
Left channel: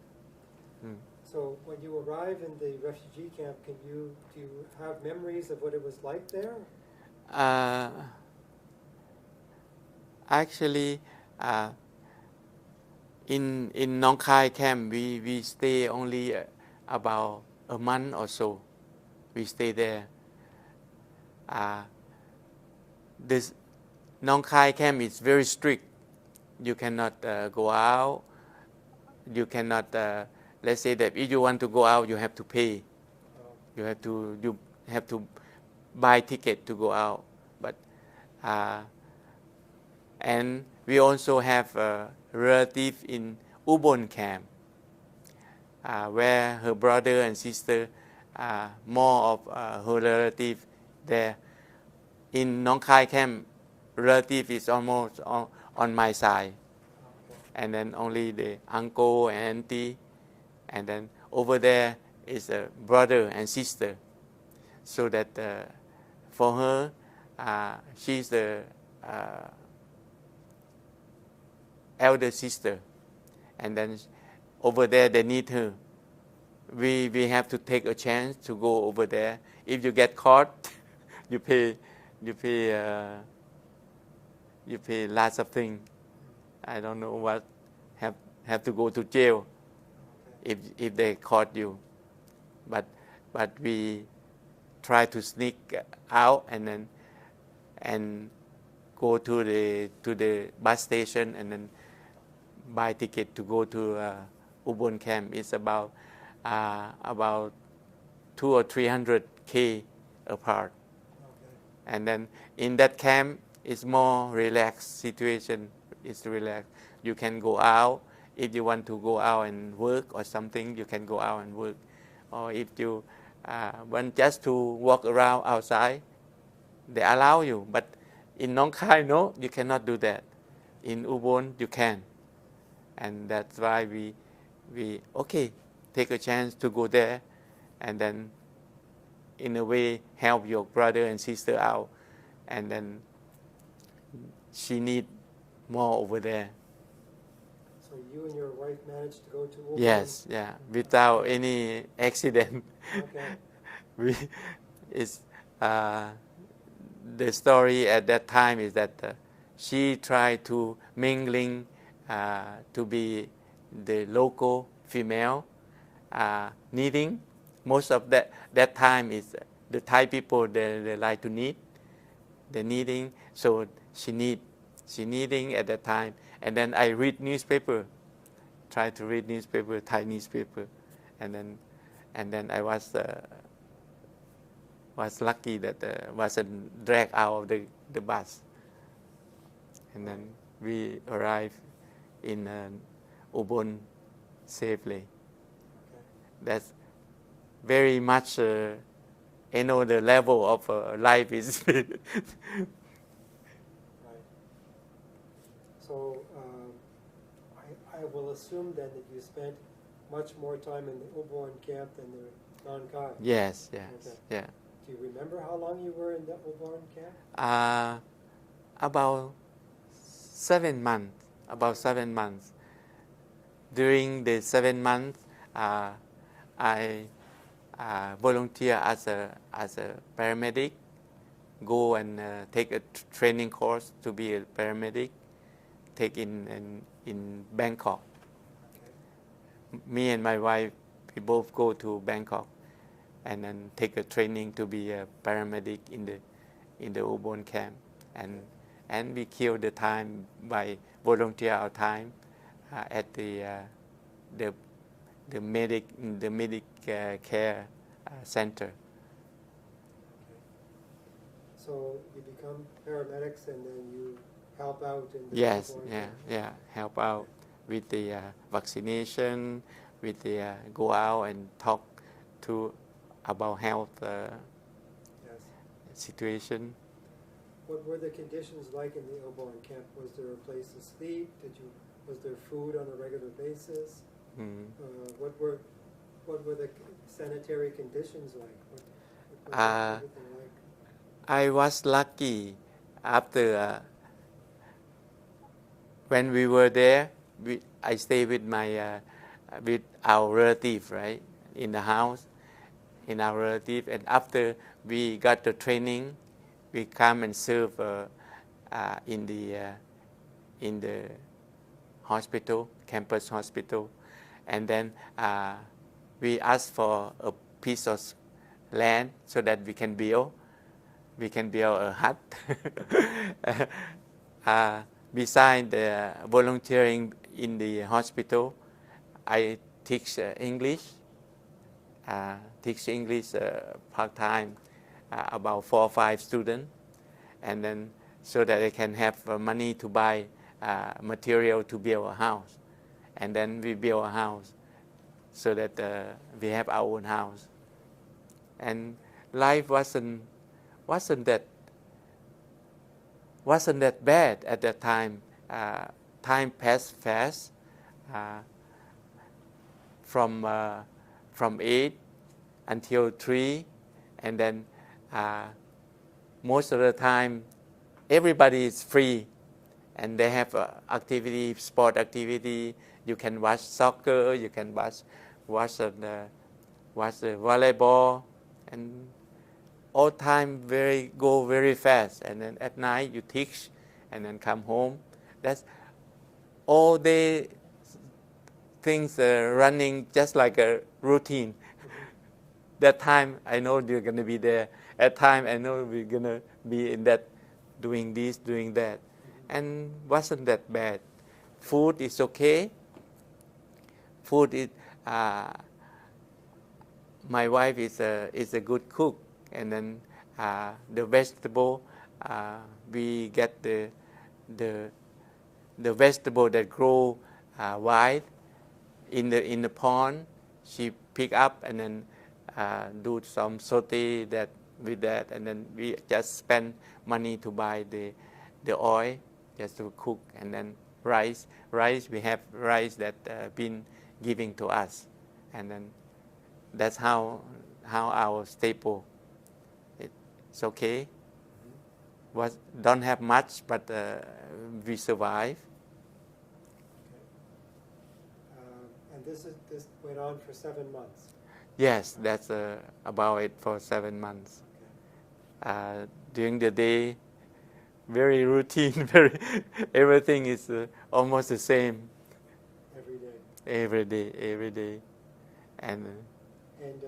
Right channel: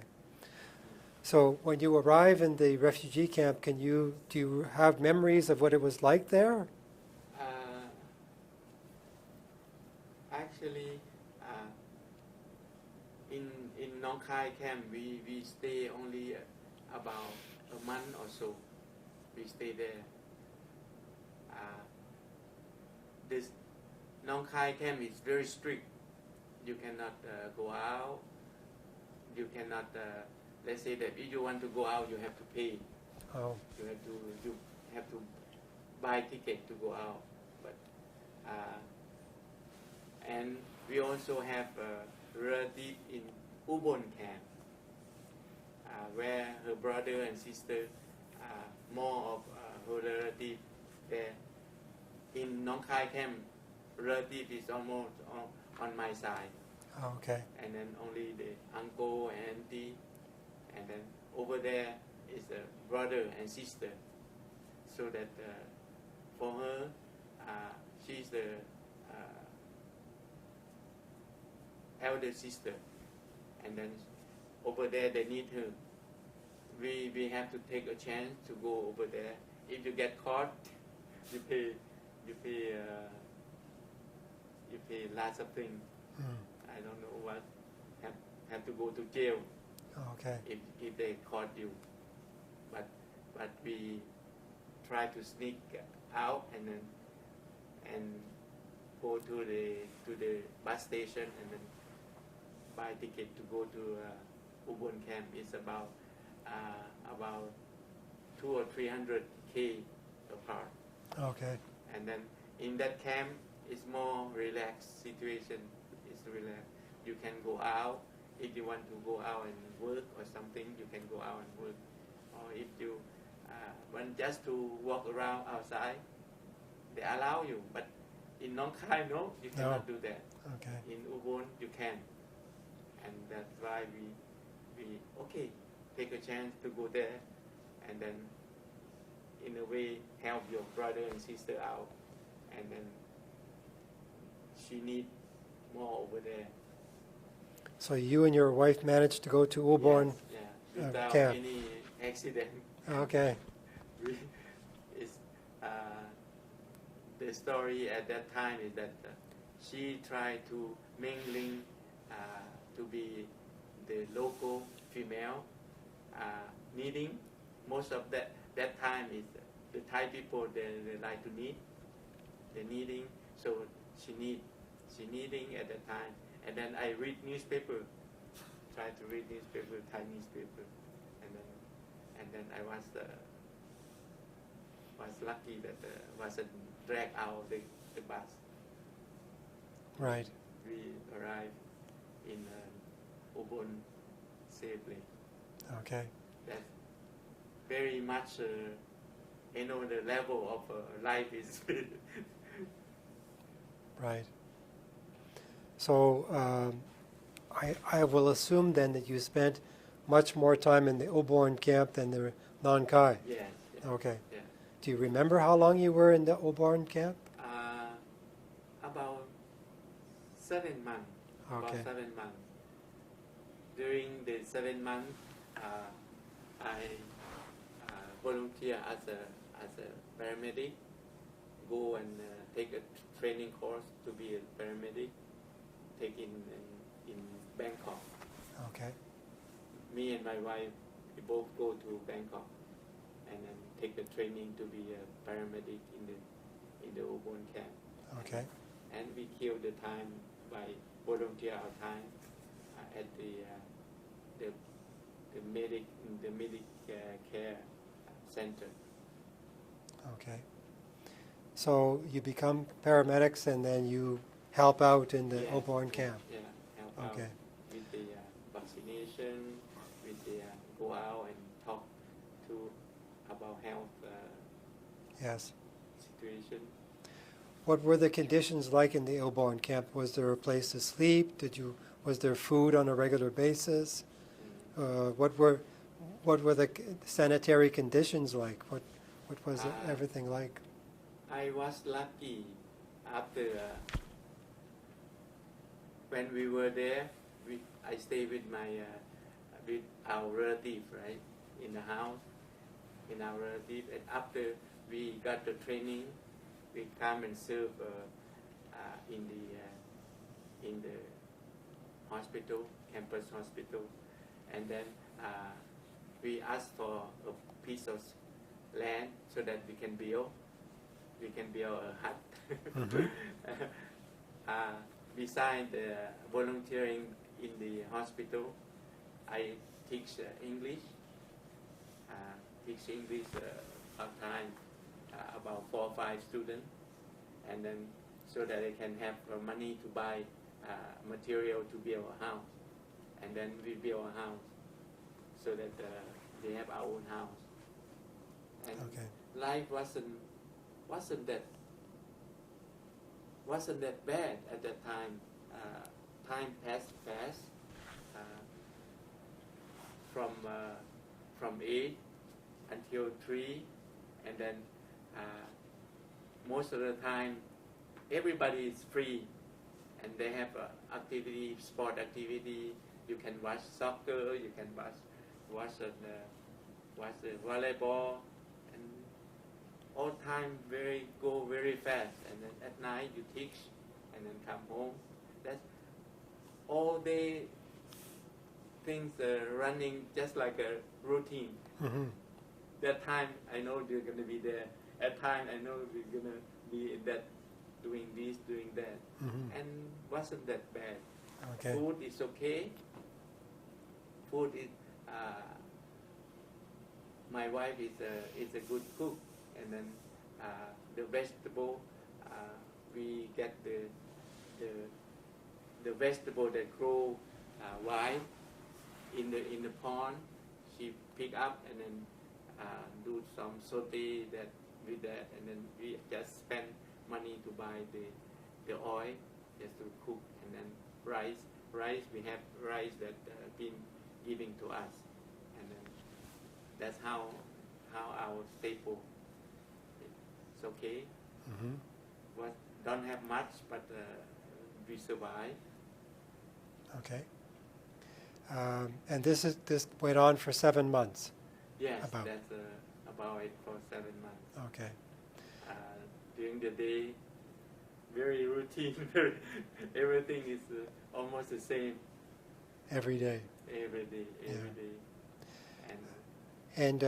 So when you arrive in the refugee camp, do you have memories of what it was like there? Actually, in Nong Khai camp, we stay only about a month or so. We stay there. This Nong Khai camp is very strict. You cannot go out. You cannot let's say that if you want to go out, you have to pay. Oh, You have to buy ticket to go out. But and we also have a relative in Ubon camp, where her brother and sister, more of her relative there. In Nong Khai camp, relative is almost on my side, okay. and then only the uncle and auntie, and then over there is a brother and sister. So that for her, she's the elder sister, and then over there they need her. We have to take a chance to go over there. If you get caught, you pay lots of things. I don't know what, have to go to jail Okay. if they caught you. But we try to sneak out and go to the bus station and then buy ticket to go to Ubon camp. It's about 200 or 300 k apart. Okay. And then in that camp, it's more relaxed situation. It's relaxed. You can go out. If you want to go out and work or something, you can go out and work. Or if you want just to walk around outside, they allow you. But in Nong Khai, no, you cannot do that. Okay. In Ubon, you can. And that's why we take a chance to go there, and then in a way help your brother and sister out, and then she need more over there. So you and your wife managed to go to Ubon? Yes, yeah, without camp. any accident. Okay. It's the story at that time is that she tried to mingling to be the local female knitting. Most of that time is the Thai people, they like to knit, the knitting. So she knitting at that time, and then I read newspaper, try to read newspaper, Thai newspaper, and then I was lucky that wasn't dragged out of the bus, and Right. then we arrived in Ubon safely. Okay. That's very much, the level of life is. Right. So I will assume then that you spent much more time in the Ubon camp than the Nong Khai. Yes, yeah. Okay. Yeah. Do you remember how long you were in the Ubon camp? About 7 months. About Okay. 7 months. During the 7 months, I volunteer as a paramedic. Go and take a training course to be a paramedic. Take in Bangkok. Okay. Me and my wife, we both go to Bangkok, and then take a training to be a paramedic in the Ubon camp. Okay. And we kill the time by volunteer our time at the medic care center. Okay. So you become paramedics and then you help out in the Yes, Ubon camp. yeah, help out Okay. with the vaccination, with the go out and talk to about health Yes. situation. What were the conditions like in the Ubon camp? Was there a place to sleep? Was there food on a regular basis? Mm. What were the sanitary conditions like? What was everything like? I was lucky after when we were there. I stayed with with our relative, right, in the house, in our relative, and after we got the training, we come and serve in the hospital, campus hospital, and then we asked for a piece of land so that we can build a hut. Besides the volunteering in the hospital, I teach English, part-time, about 4 or 5 students, and then so that I can have money to buy material to build a house. And then we build a house so that we have our own house. And life wasn't that bad at that time. Time passed fast. From 8 until 3, and then most of the time everybody is free, and they have activity, sport activity. You can watch soccer, you can watch the volleyball, and all time go very fast. And then at night you teach, and then come home. That's all day. Things running just like a routine. Mm-hmm. That time I know you're going to be there. At time I know we're going to be in that, doing this, doing that. Mm-hmm. And wasn't that bad. Okay. Food is okay. Food is, my wife is a good cook. And then the vegetable, we get the vegetable that grow wild in the pond. She pick up and then do some saute that with that, and then we just spend money to buy the oil just to cook. And then rice, we have rice that been giving to us, and then that's how our staple. It's okay. Mm-hmm. Don't have much, but we survive. Okay. And this went on for 7 months. Yes, that's about it for 7 months. Okay. During the day, very routine. Everything is almost the same. Every day. Every day. And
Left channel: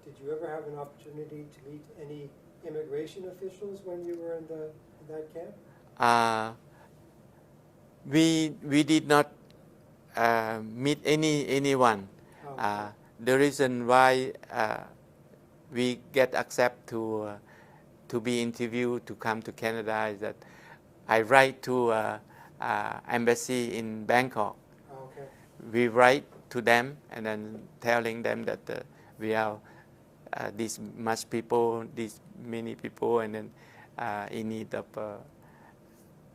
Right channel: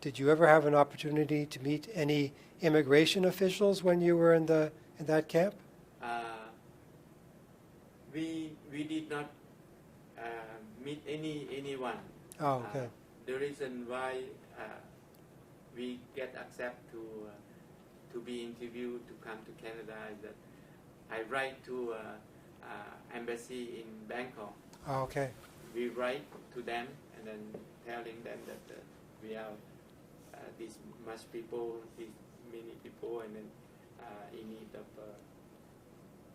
did you ever have an opportunity to meet any immigration officials when you were in that camp? We did not meet anyone. Oh, okay. The reason why we get accepted to be interviewed to come to Canada is that I write to embassy in Bangkok. Oh, okay. We write to them and then telling them that we are this much people, this many people, and then in need of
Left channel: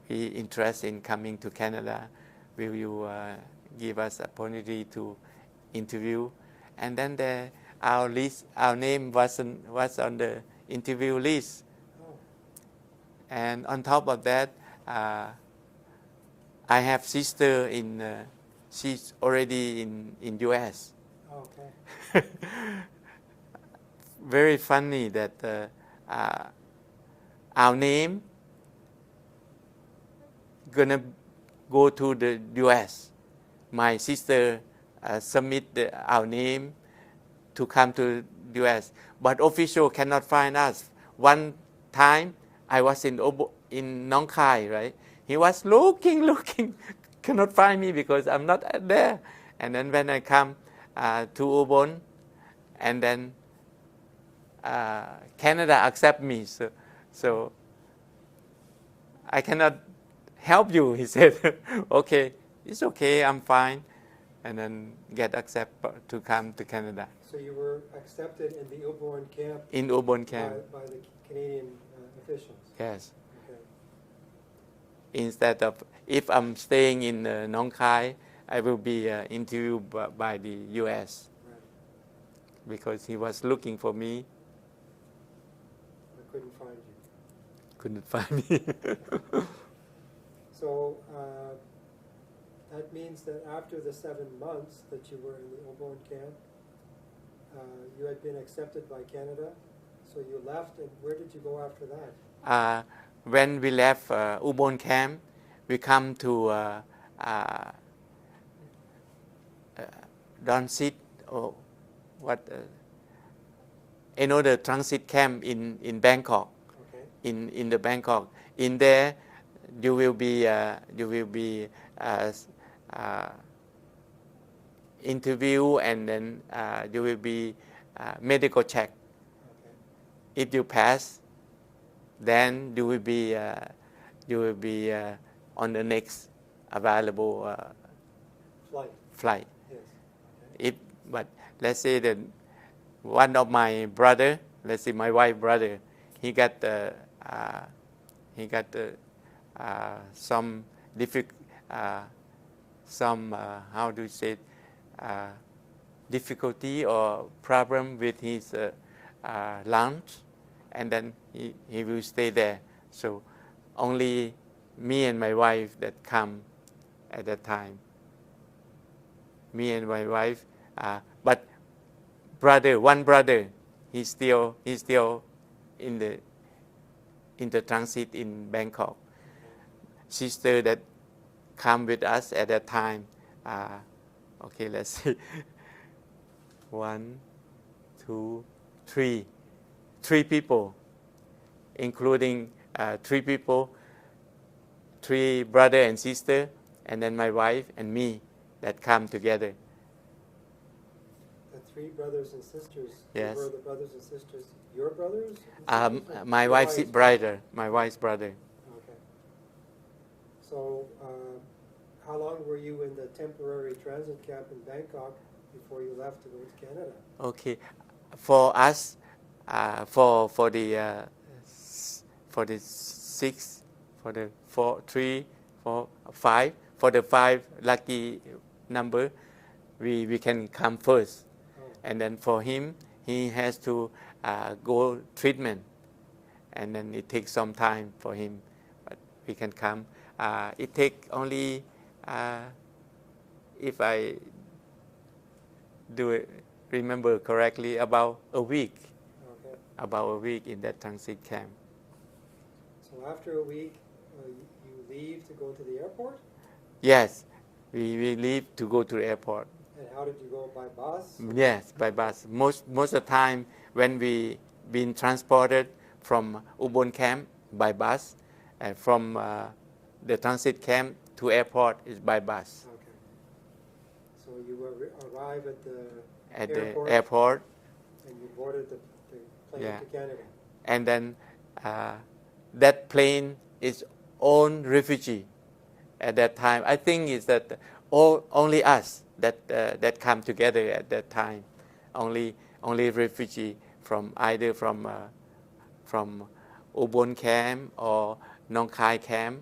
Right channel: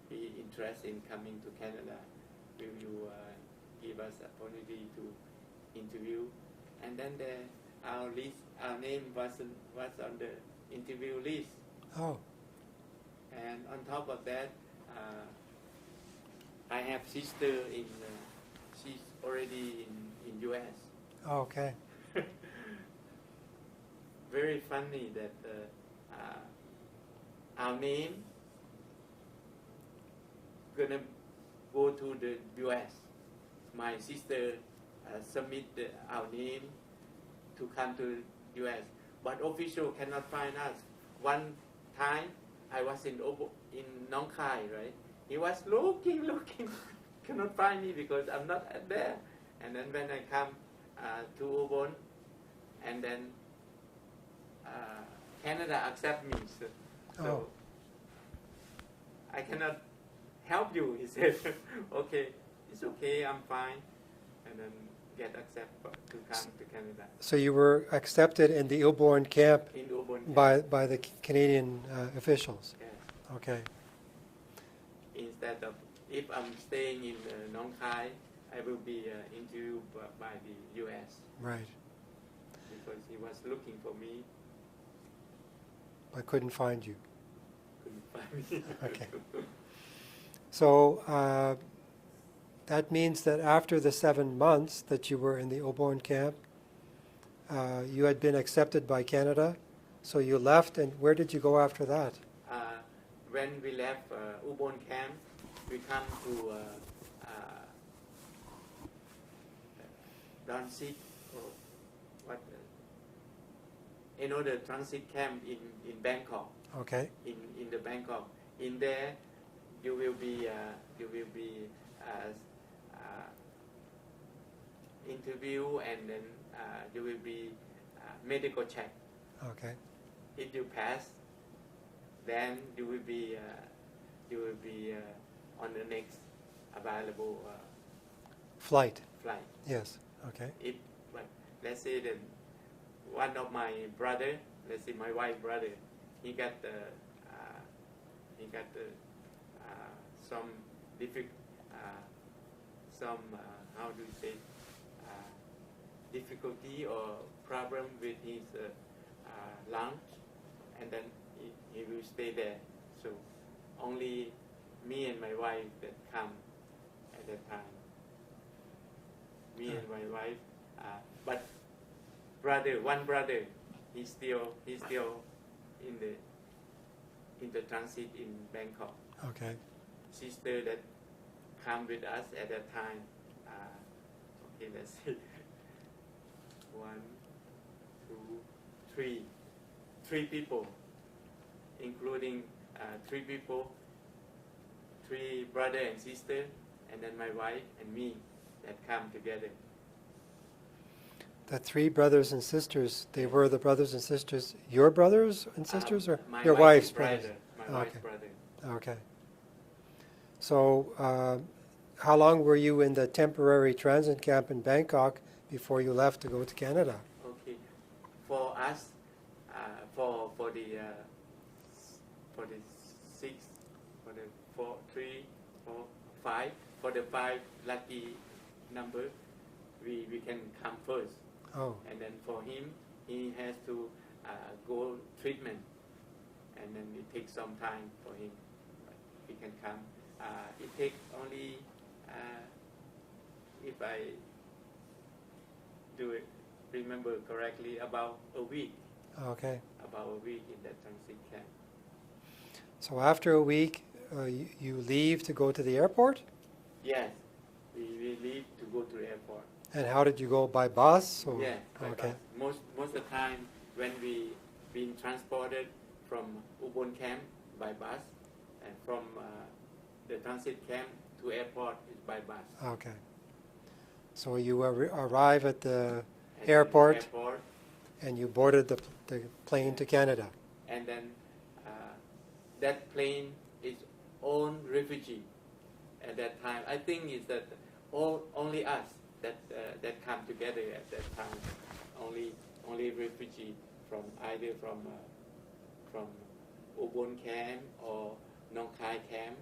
interest in coming to Canada. Will you give us opportunity to interview? And then our name was on the interview list. Oh. And on top of that, I have sister she's already in US. Oh, okay. Very funny that our name gonna go to the US. My sister submit our name to come to US, but official cannot find us. One time I was in Nong Khai, right? He was looking, cannot find me because I'm not there. And then when I come to Ubon, and then Canada accept me, so I cannot help you. He said, okay, it's okay, I'm fine, and then get accepted to come to Canada. So you were accepted in the Ubon camp In Ubon camp. by the Canadian officials? Yes. Okay. Instead of, if I'm staying in Nong Khai, I will be interviewed by the US. Right. Because he was looking for me. I couldn't find you. Couldn't find me. Okay. So that means that after the 7 months that you were in the Ubon camp, you had been accepted by Canada, so you left, and where did you go after that? When we left Ubon camp, we come to transit, or another transit camp in Bangkok. Okay. In the Bangkok, in there, you will be interview, and then you will be medical check. Okay. If you pass, then you will be on the next available Flight. flight. Yes. Okay. But let's say that one of my brother, let's say my wife brother, he got some how do you say difficulty or problem with his lunch, and then he will stay there. So only me and my wife that come at that time. Me and my wife, but one brother, he's still in the transit in Bangkok. Okay. Sister that come with us at that time. Okay, let's see. 1, 2, 3. 3 people, including 3 people, 3 brother and sister, and then my wife and me that come together. The 3 brothers and sisters, they Yes. were the brothers and sisters, your brothers and sisters, or My your wife's brother. My Okay. wife's brother. Okay. So, how long were you in the temporary transit camp in Bangkok before you left to go to Canada? Okay, for us, for the 6, for the 4, 3, 4, 5, for the 5 lucky number, we can come first. Oh. And then for him, he has to go treatment, and then it takes some time for him, but we can come. It takes only, if I remember correctly, about a week. Okay. About a week in that transit camp. So after a week, you leave to go to the airport? Yes, we leave to go to the airport. And how did you go, by bus? Or? Yes, by Okay. bus. Most of the time when we been transported from Ubon camp by bus, and from the transit camp to airport is by bus. Okay. So you arrive at the At airport, the airport, and you boarded the plane Yeah. to Canada. and then that plane is own refugee at that time. I think it's that only us that come together at that time. Only refugee from either from Ubon camp or Nong Khai camp.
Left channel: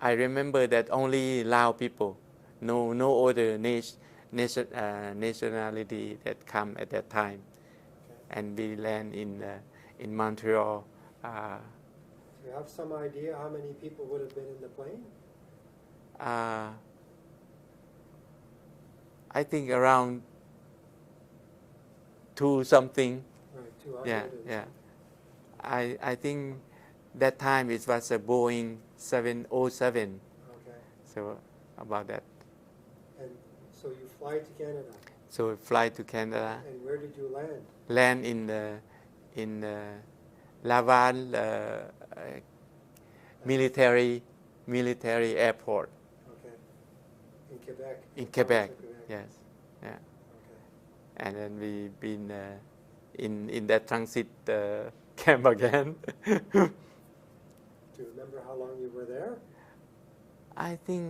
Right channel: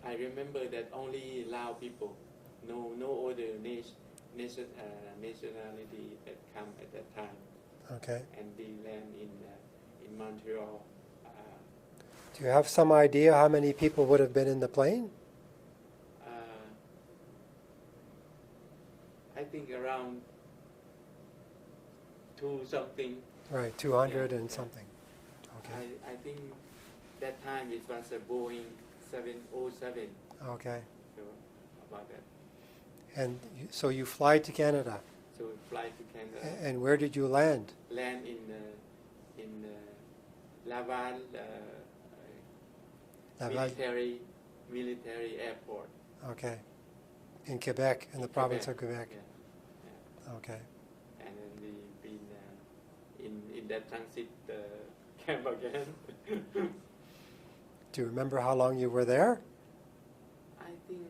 I remember that only Lao people, no other nationality that come at that time. Okay. And we land in Montreal. Do you have some idea how many people would have been in the plane? I think around 2 something. Right, 200 Yeah, and yeah. something. Okay. I think that time it was a Boeing 707. Okay. So about that. And so you fly to Canada. So fly to Canada. And where did you land? Land in Laval Laval? military airport. Okay. In Quebec, in the Quebec. province of Quebec. Yes. Yeah. Okay. And then we've been in that transit camp again. Do you remember how long you were there? I think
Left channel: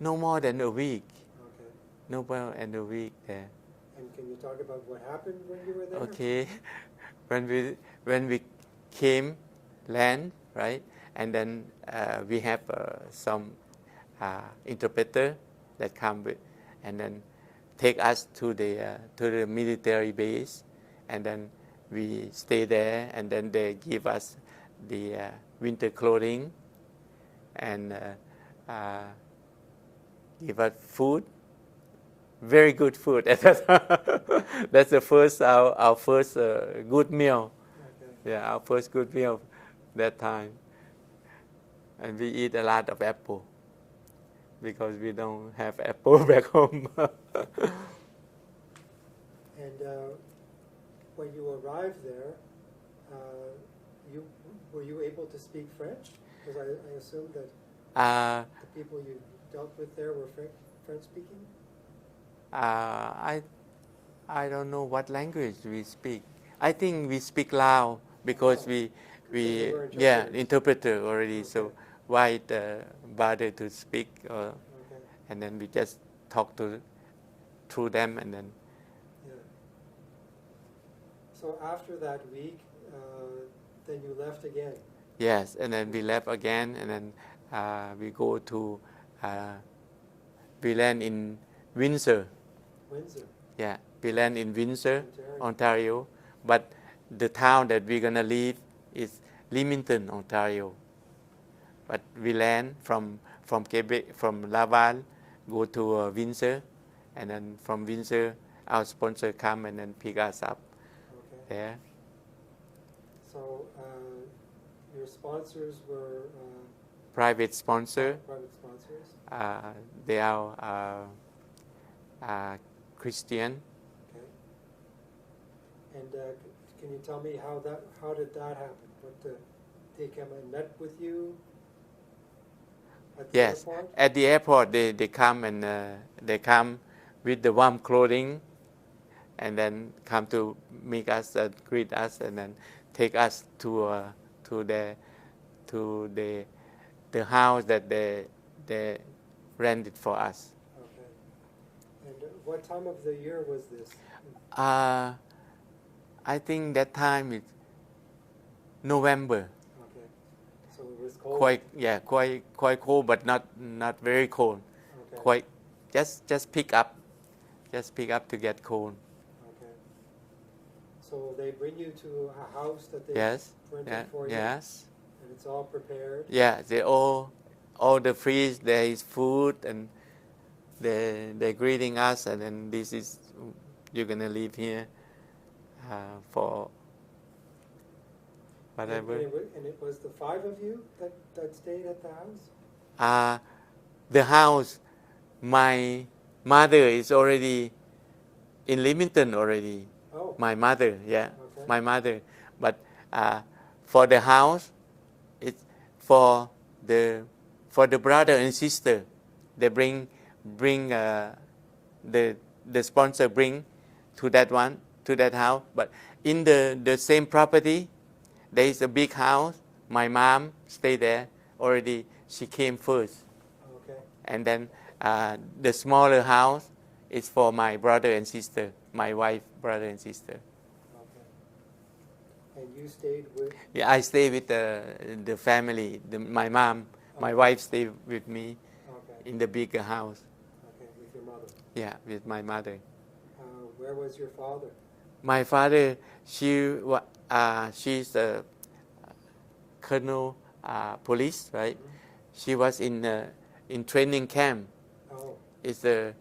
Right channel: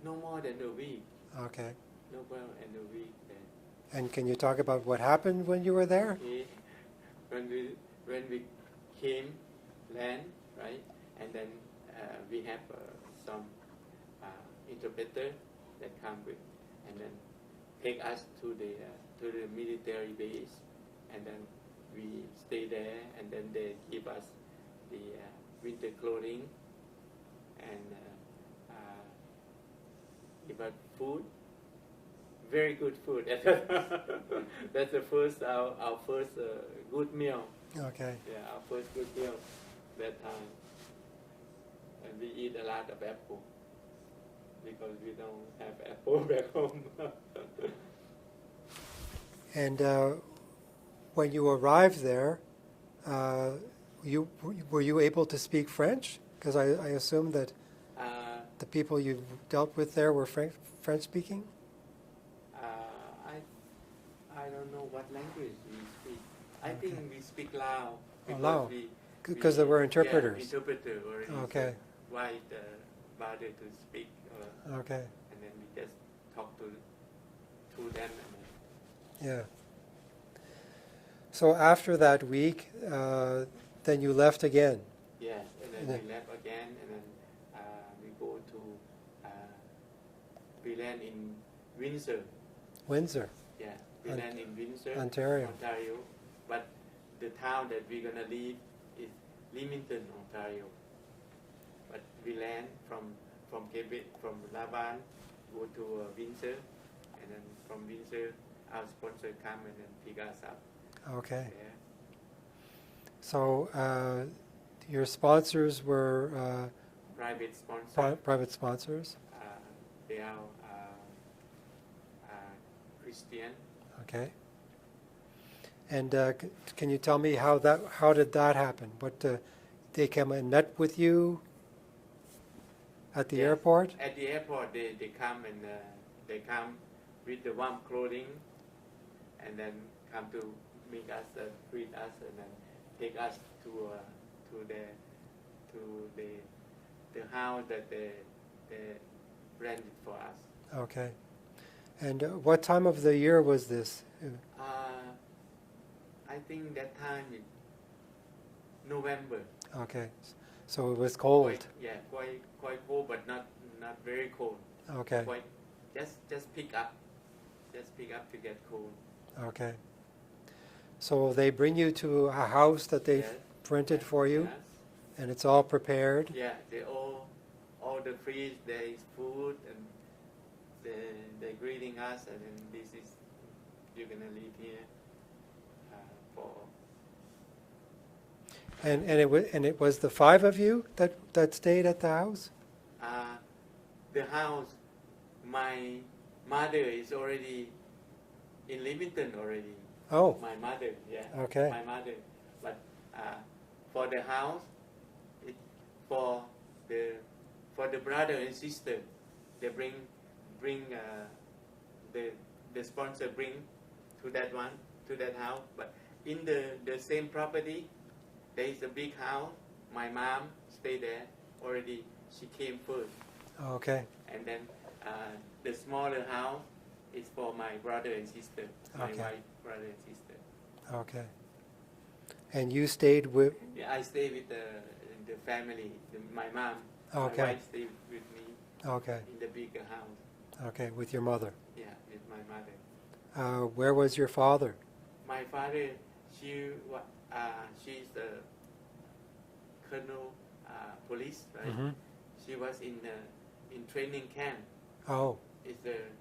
no more than a week. Okay. No more than a week there. And can you talk about what happened when you were there? Okay. When we came, land, right, and then we have some interpreter that come with, and then take us to the military base, and then we stay there, and then they give us the winter clothing, and give us food. Very good food. That's the first our first good meal. Okay. Yeah, our first good meal that time. And we eat a lot of apple because we don't have apple back home. And when you arrived there, were you able to speak French? Because I assume that The people you dealt with there were French speaking? I don't know what language we speak. I think we speak Lao because Lao. we Because there were yeah, interpreters. interpreter already. So Okay. why bother to speak? Okay. And then we just talk through them, and then Yeah. So after that week, then you left again. yes, and then we Yeah. left again, and then we go to we land in Windsor. Windsor, Yeah, we land in Windsor, Ontario. Ontario. But the town that we're gonna leave is Leamington, Ontario. But we land from Quebec, from Laval, go to Windsor, and then from Windsor, our sponsor come and then pick us up Okay. there. So your sponsors were Private sponsor. private sponsors. They are Christian. Okay. And can you tell me how did that happen? What they came and met with you at the Yes. airport? At the airport, they come and they come with the warm clothing, and then come to meet us, greet us, and then take us to the house that they rented for us. Okay. And what time of the year was this? I think that time is November. Okay. So it was cold. Quite cold, but not very cold. Okay. Quite just pick up to get cold. Okay. So they bring you to a house that they Yes. rented for you, Yes. and it's all prepared. Yeah, they all the fridge there is food, and they're greeting us, and then this is you're gonna live here for. And it was the five of you that stayed at the house? The house, my mother is already in Leamington already. Oh. My mother, yeah. Okay. My mother, but for the house, it's for the brother and sister. They bring the sponsor bring to that house. But in the same property, there is a big house. My mom stayed there already. She came first, Okay. and then the smaller house is for my brother and sister. My Okay. wife, brother and sister. Okay. And you stayed with? Yeah, I stay with the family. My mom, my Okay. wife stayed with me Okay. in the bigger house. Okay, with your mother. Yeah, with my mother. Where was your father? My father, she's a colonel police, right? Mhm. She was in training camp. Oh. It's a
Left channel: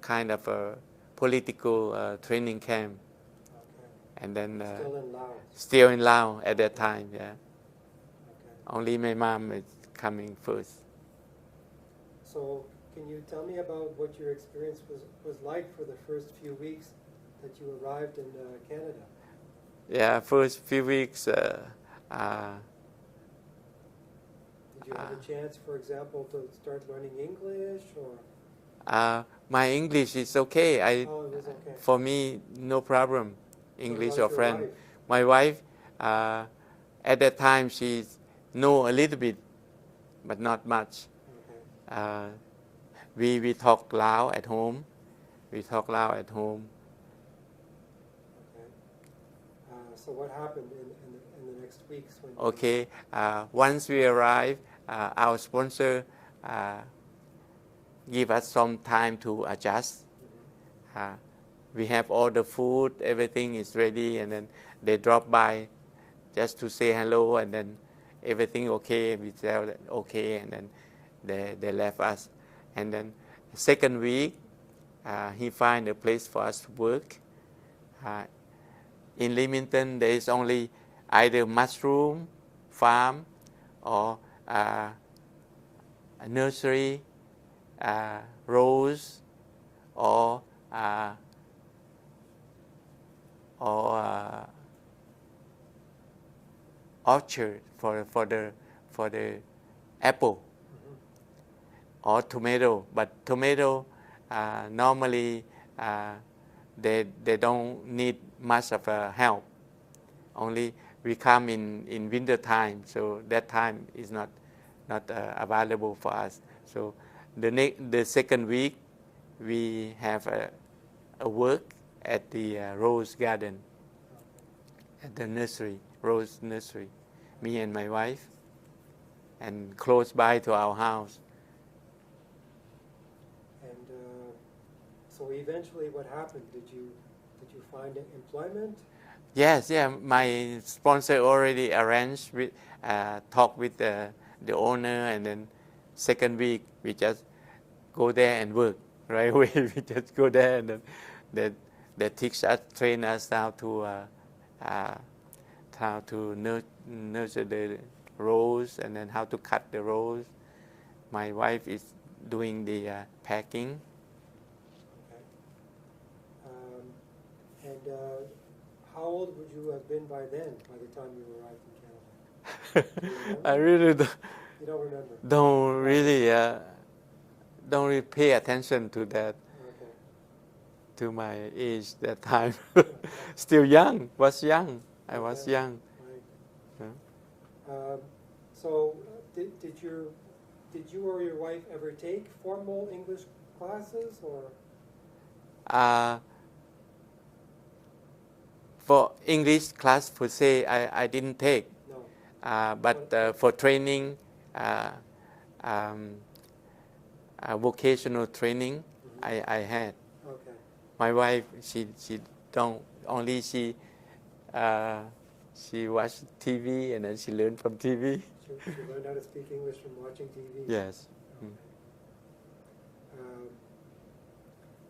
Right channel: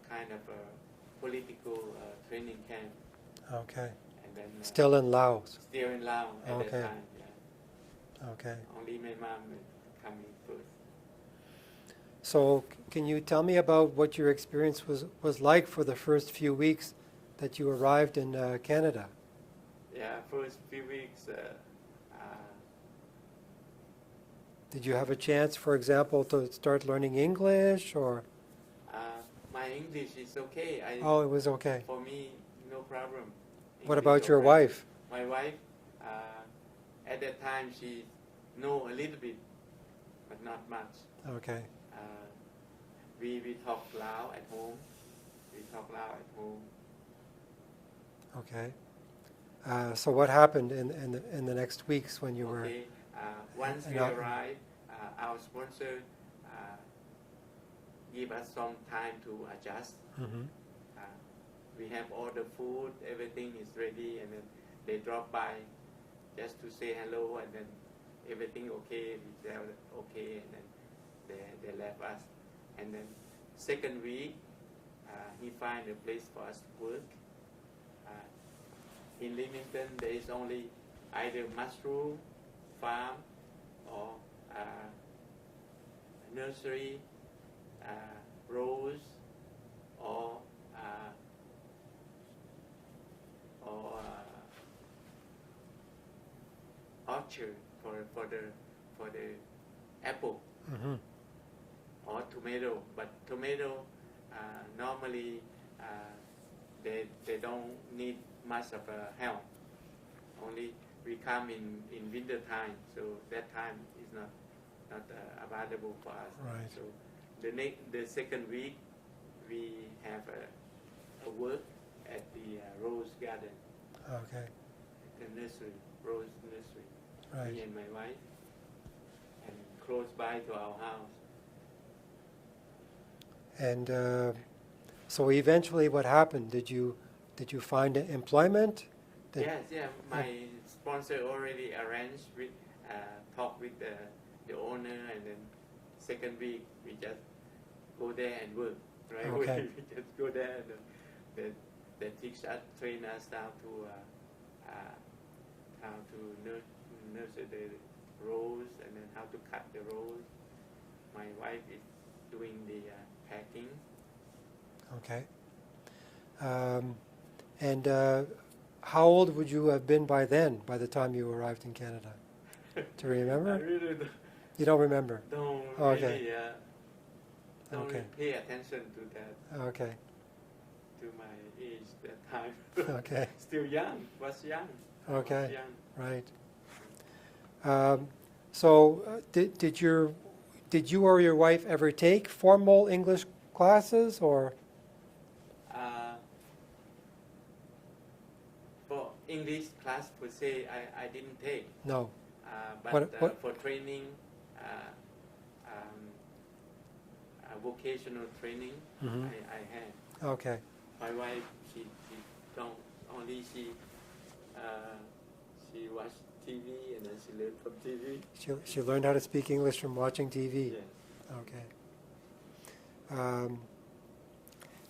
kind of a political training camp, Okay. and then Still in Laos. still in Laos at that Okay. time. Yeah, Okay. only my mom is coming first. So can you tell me about what your experience was like for the first few weeks that you arrived in Canada? Yeah, first few weeks. Did you have a chance, for example, to start learning English, or? My English is okay. Oh, it was okay. For me, no problem. What English about or your French. wife? My wife, at that time, she know a little bit, but not much. Okay. We talk Lao at home. Okay. So what happened in the next weeks when you Okay. Once we Yeah. arrive, our sponsor give us some time to adjust. were? Mhm. We have all the food, everything is ready, and then they drop by just to say hello, and then everything okay. We tell that okay, and then they left us. And then second week, he find a place for us to work. In Leamington, there is only either mushroom farm or a nursery, rose, or orchard for the apple. Mm-hmm. or tomato. But tomato normally they don't need much of help. Only we come in winter time, so that time is not available for us. Right. So the second week we have a work at the rose garden, Okay. at the nursery, rose nursery. Right. Me and my wife, and close by to our house. And so eventually, what happened? Did you find employment? Yes, yeah. My sponsor already arranged with talk with the owner, and then second week we just go there and work right away. Okay. We just go there, and then they teach us, train us how to nurture the rose, and then how to cut the rose. My wife is doing the packing. Okay. And how old would you have been by then, by the time you arrived in Canada? Do you remember? I really You don't remember? don't Okay. really don't really Okay. pay attention to that, Okay. to my age that time. Okay. Still young, was young. I was Okay. young. Right. Yeah. So did you or your wife ever take formal English classes, or? For English class per se, I didn't take. No. But What? for training, vocational training, Mhm. I had. Okay. My wife, she don't, only she watch TV, and then she learned from TV. She learned how to speak English from watching TV. Yes. Okay.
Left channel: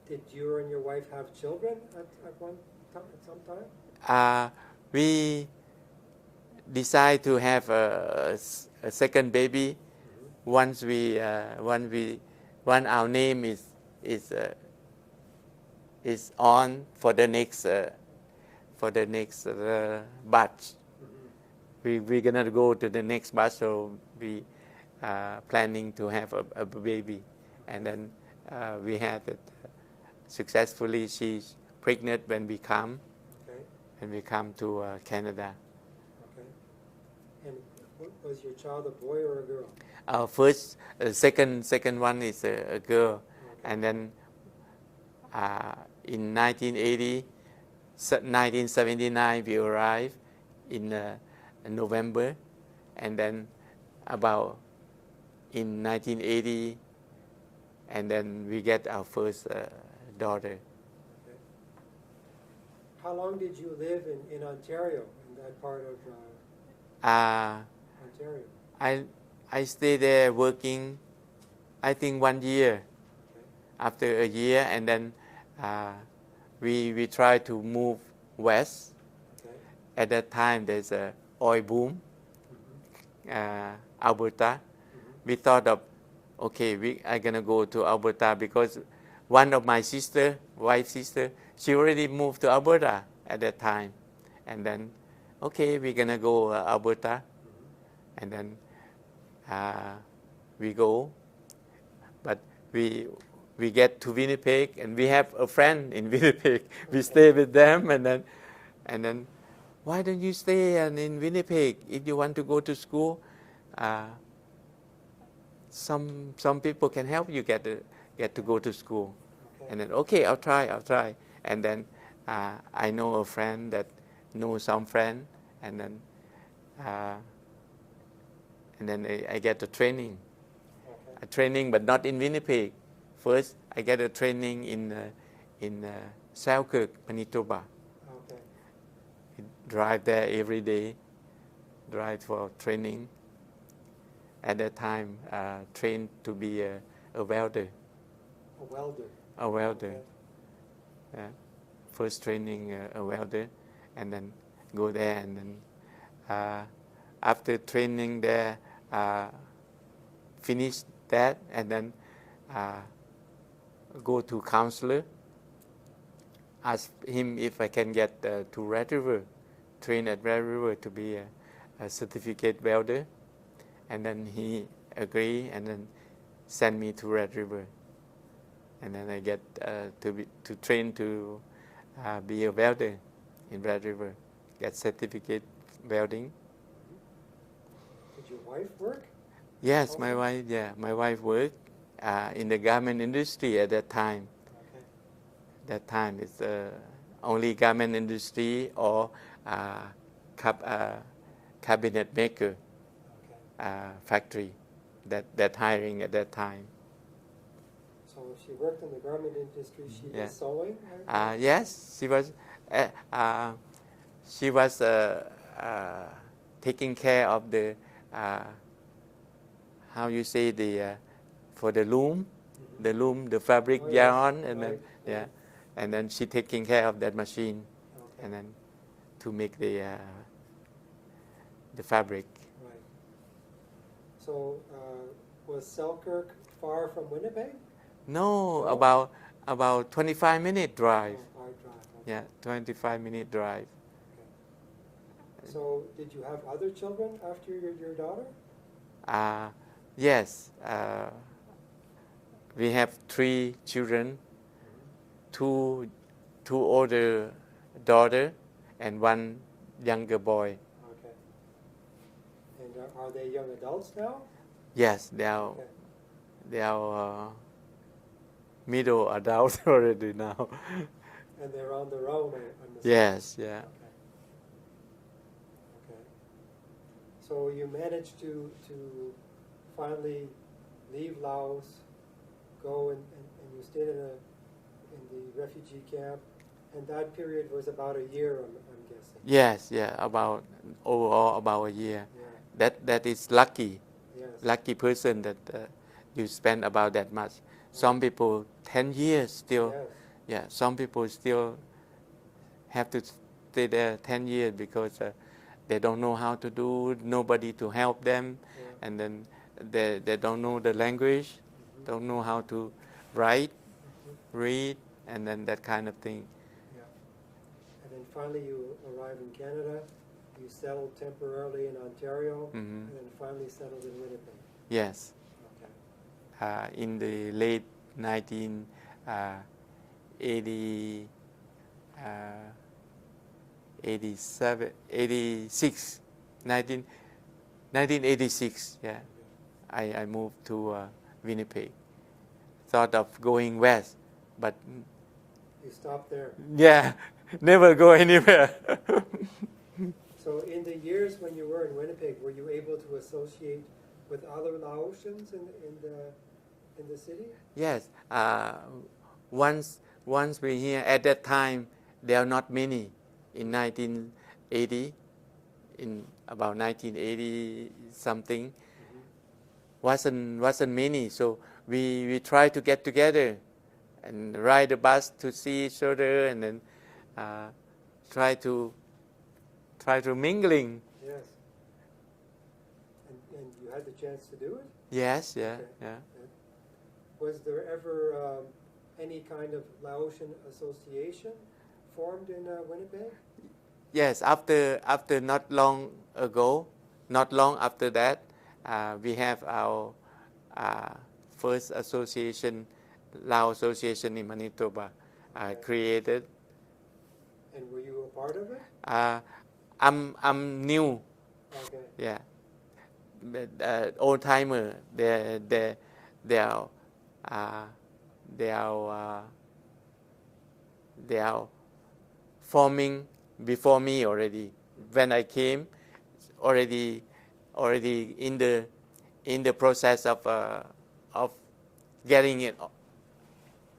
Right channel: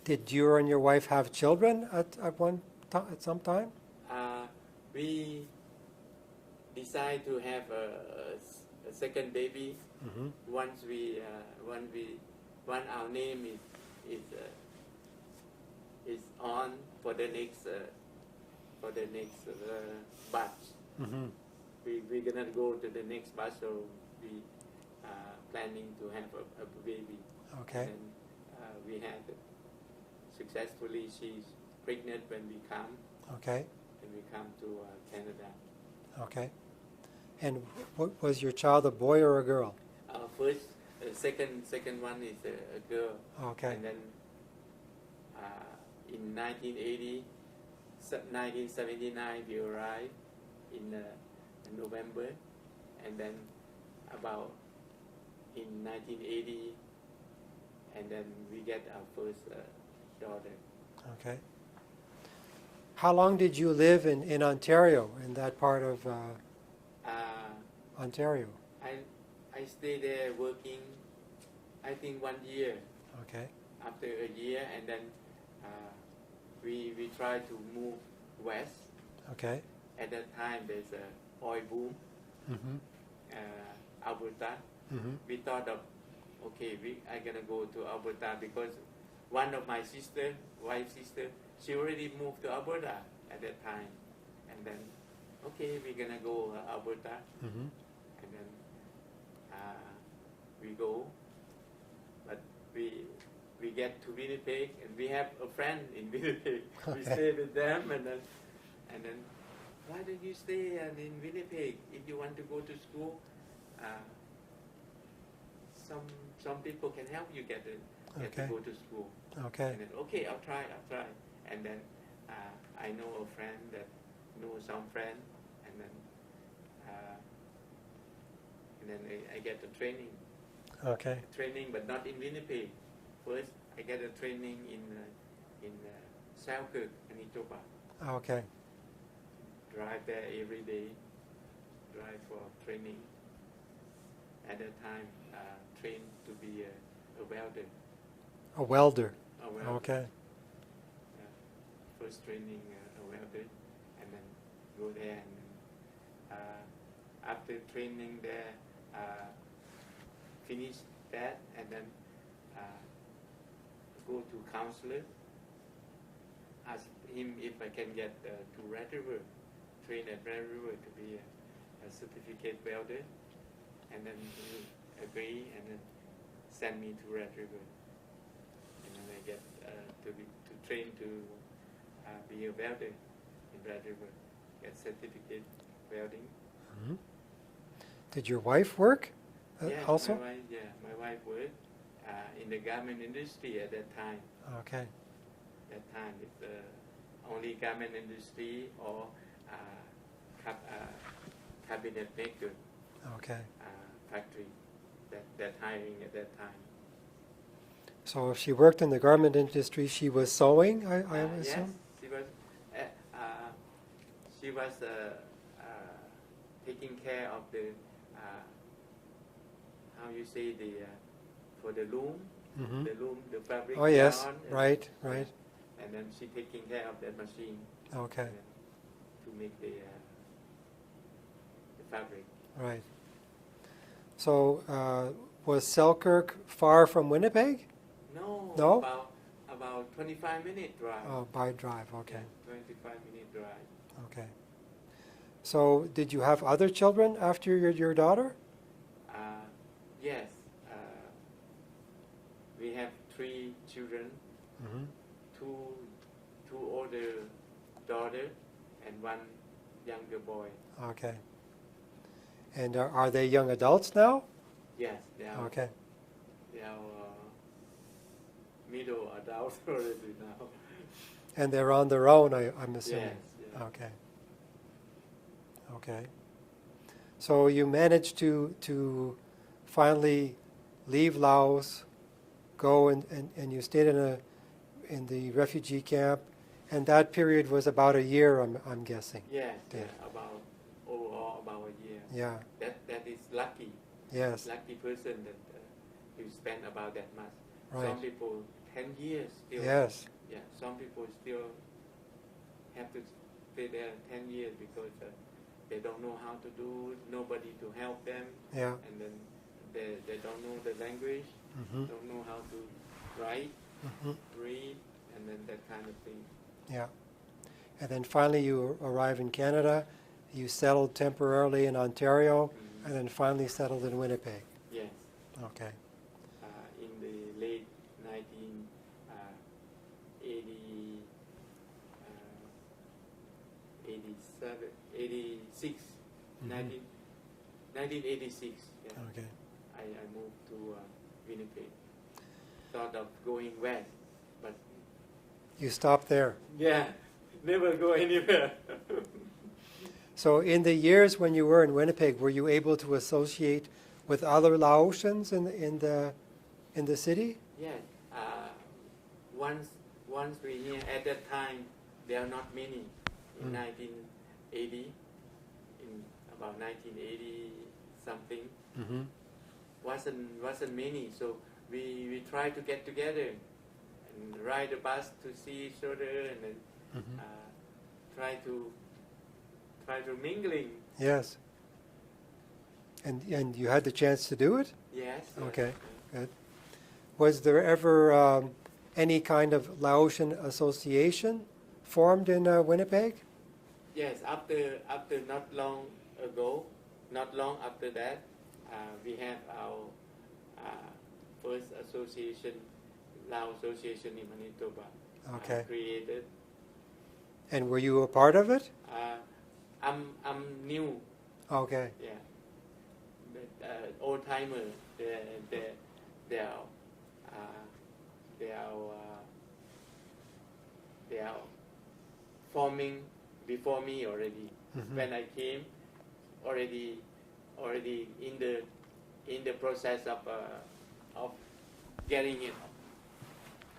Did you and your wife have children at some time? We decide to have a second baby Mm-hmm. once our name is on for the next batch. Mm-hmm. We're gonna go to the next batch, so we planning to have a baby. Okay. And then we had it successfully. She's pregnant when we come. Okay. When we come to Canada. Okay. And what was your child, a boy or a girl? Our second one is a girl. Okay. And then in 1979 we arrived in November, and then about in 1980, and then we get our first daughter. Okay. How long did you live in Ontario, in that part of Ontario? I stayed there working, I think 1 year. Okay. After a year, and then we try to move west. Okay. At that time, there's a oil boom, Mm-hmm. Alberta. Mm-hmm. We thought of, okay, we are gonna go to Alberta, because one of my wife's sister, she already moved to Alberta at that time, and then, okay, we're gonna go Alberta, Mm-hmm. and then we go, but we get to Winnipeg, and we have a friend in Winnipeg. Okay. We stay with them, and then, why don't you stay in Winnipeg if you want to go to school? Some people can help you get to Okay. go to school. Okay. And then, okay, I'll try. And then I know a friend that knows some friend, and then I get the training. Okay. A training, but not in Winnipeg. First, I get a training in Selkirk, Manitoba. Okay. Drive there every day, drive for training. At that time, trained to be a welder. A welder. A welder. Okay. Yeah. First training a welder, and then go there, and then after training there, finish that, and then go to counselor, ask him if I can get to Red River, train at Red River to be a certificate welder, and then agree, and then send me to Red River, and then I get to train to be a welder in Red River, get certificate welding. Mhm. Did your wife work? Yes, Also? my wife worked in the garment industry at that time. Okay. That time it's only garment industry or cabinet maker Okay. factory that hiring at that time. So if she worked in the garment industry, she was Yeah. sewing, I assume? Yes, she was taking care of the how you say for the loom, Mhm. the fabric Oh, yes. yarn, and Right, then, right. and then she taking care of that machine, Okay. and then to make the fabric. Right. So was Selkirk far from Winnipeg? No, No? about 25-minute drive. Oh, by drive. Okay. Yeah, 25-minute drive. Okay. So did you have other children after your daughter? Yes, we have 3 children, Mm-hmm. two older daughter and 1 younger boy. Okay. And are they young adults now? Yes, they are Okay. middle adults already now. And they're on their own, I'm assuming. Yes, yeah. Okay. Okay. So you managed to finally leave Laos, go and you stayed in the refugee camp, and that period was about a year, I'm guessing. Yes, yeah, overall about a year. Yeah. That is lucky. Yes. Lucky person that you spend about that much. Right. Some people 10 years still. Yes. Yeah, some people still have to stay there 10 years because they don't know how to do, nobody to help them, Yeah. and then they don't know the language, Mm-hmm. don't know how to write, Mm-hmm. read, and then that kind of thing. Yeah. And then finally you arrive in Canada, you settled temporarily in Ontario, Mhm. and then finally settled in Winnipeg. Yes, Okay. in the late 1980. 87, 86, 1986, yeah. Okay. I moved to Winnipeg. Thought of going west, but You stopped there. yeah, never go anywhere. So in the years when you were in Winnipeg, were you able to associate with other Laotians in the city? Yes, once we here, at that time, there are not many. In 1980, in about 1980 something, Mm-hmm. wasn't many. So we try to get together and ride the bus to see each other, and then Mm-hmm. try to mingling. Yes. And you had the chance to do it? Yes, yeah, Okay. yeah. Good. Was there ever any kind of Laotian association formed in Winnipeg? Yes, after not long after that, we have our first association, Lao Association in Manitoba, Okay. created. And were you a part of it? I'm new, Okay. yeah. But old timer, they are forming before me already. Mhm. When I came, already in the process of getting it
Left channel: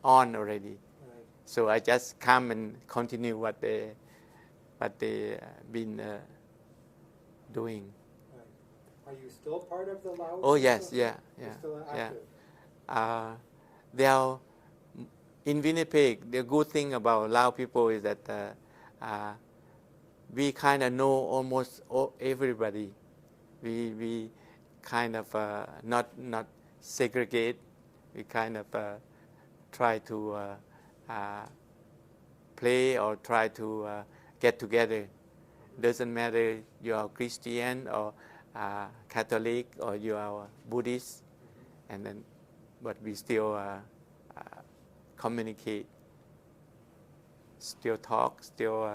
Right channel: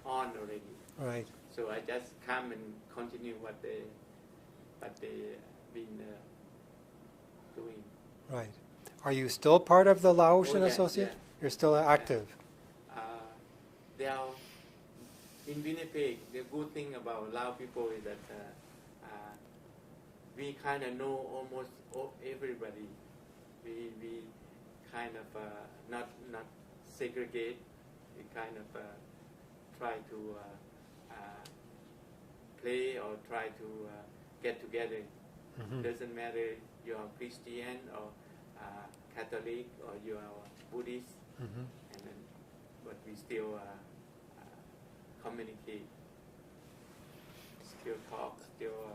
on already. Right. So I just come and continue what they been doing. Right. Are you still part of the Laotian Oh yes, Association? You're still active. They are in Winnipeg. The good thing about Lao people is that we kind of know almost everybody. We kind of not segregate. We kind of try to play or try to get together. Mhm. Doesn't matter you are Christian or Catholic or you are Buddhist, and then but we still communicate, still talk, still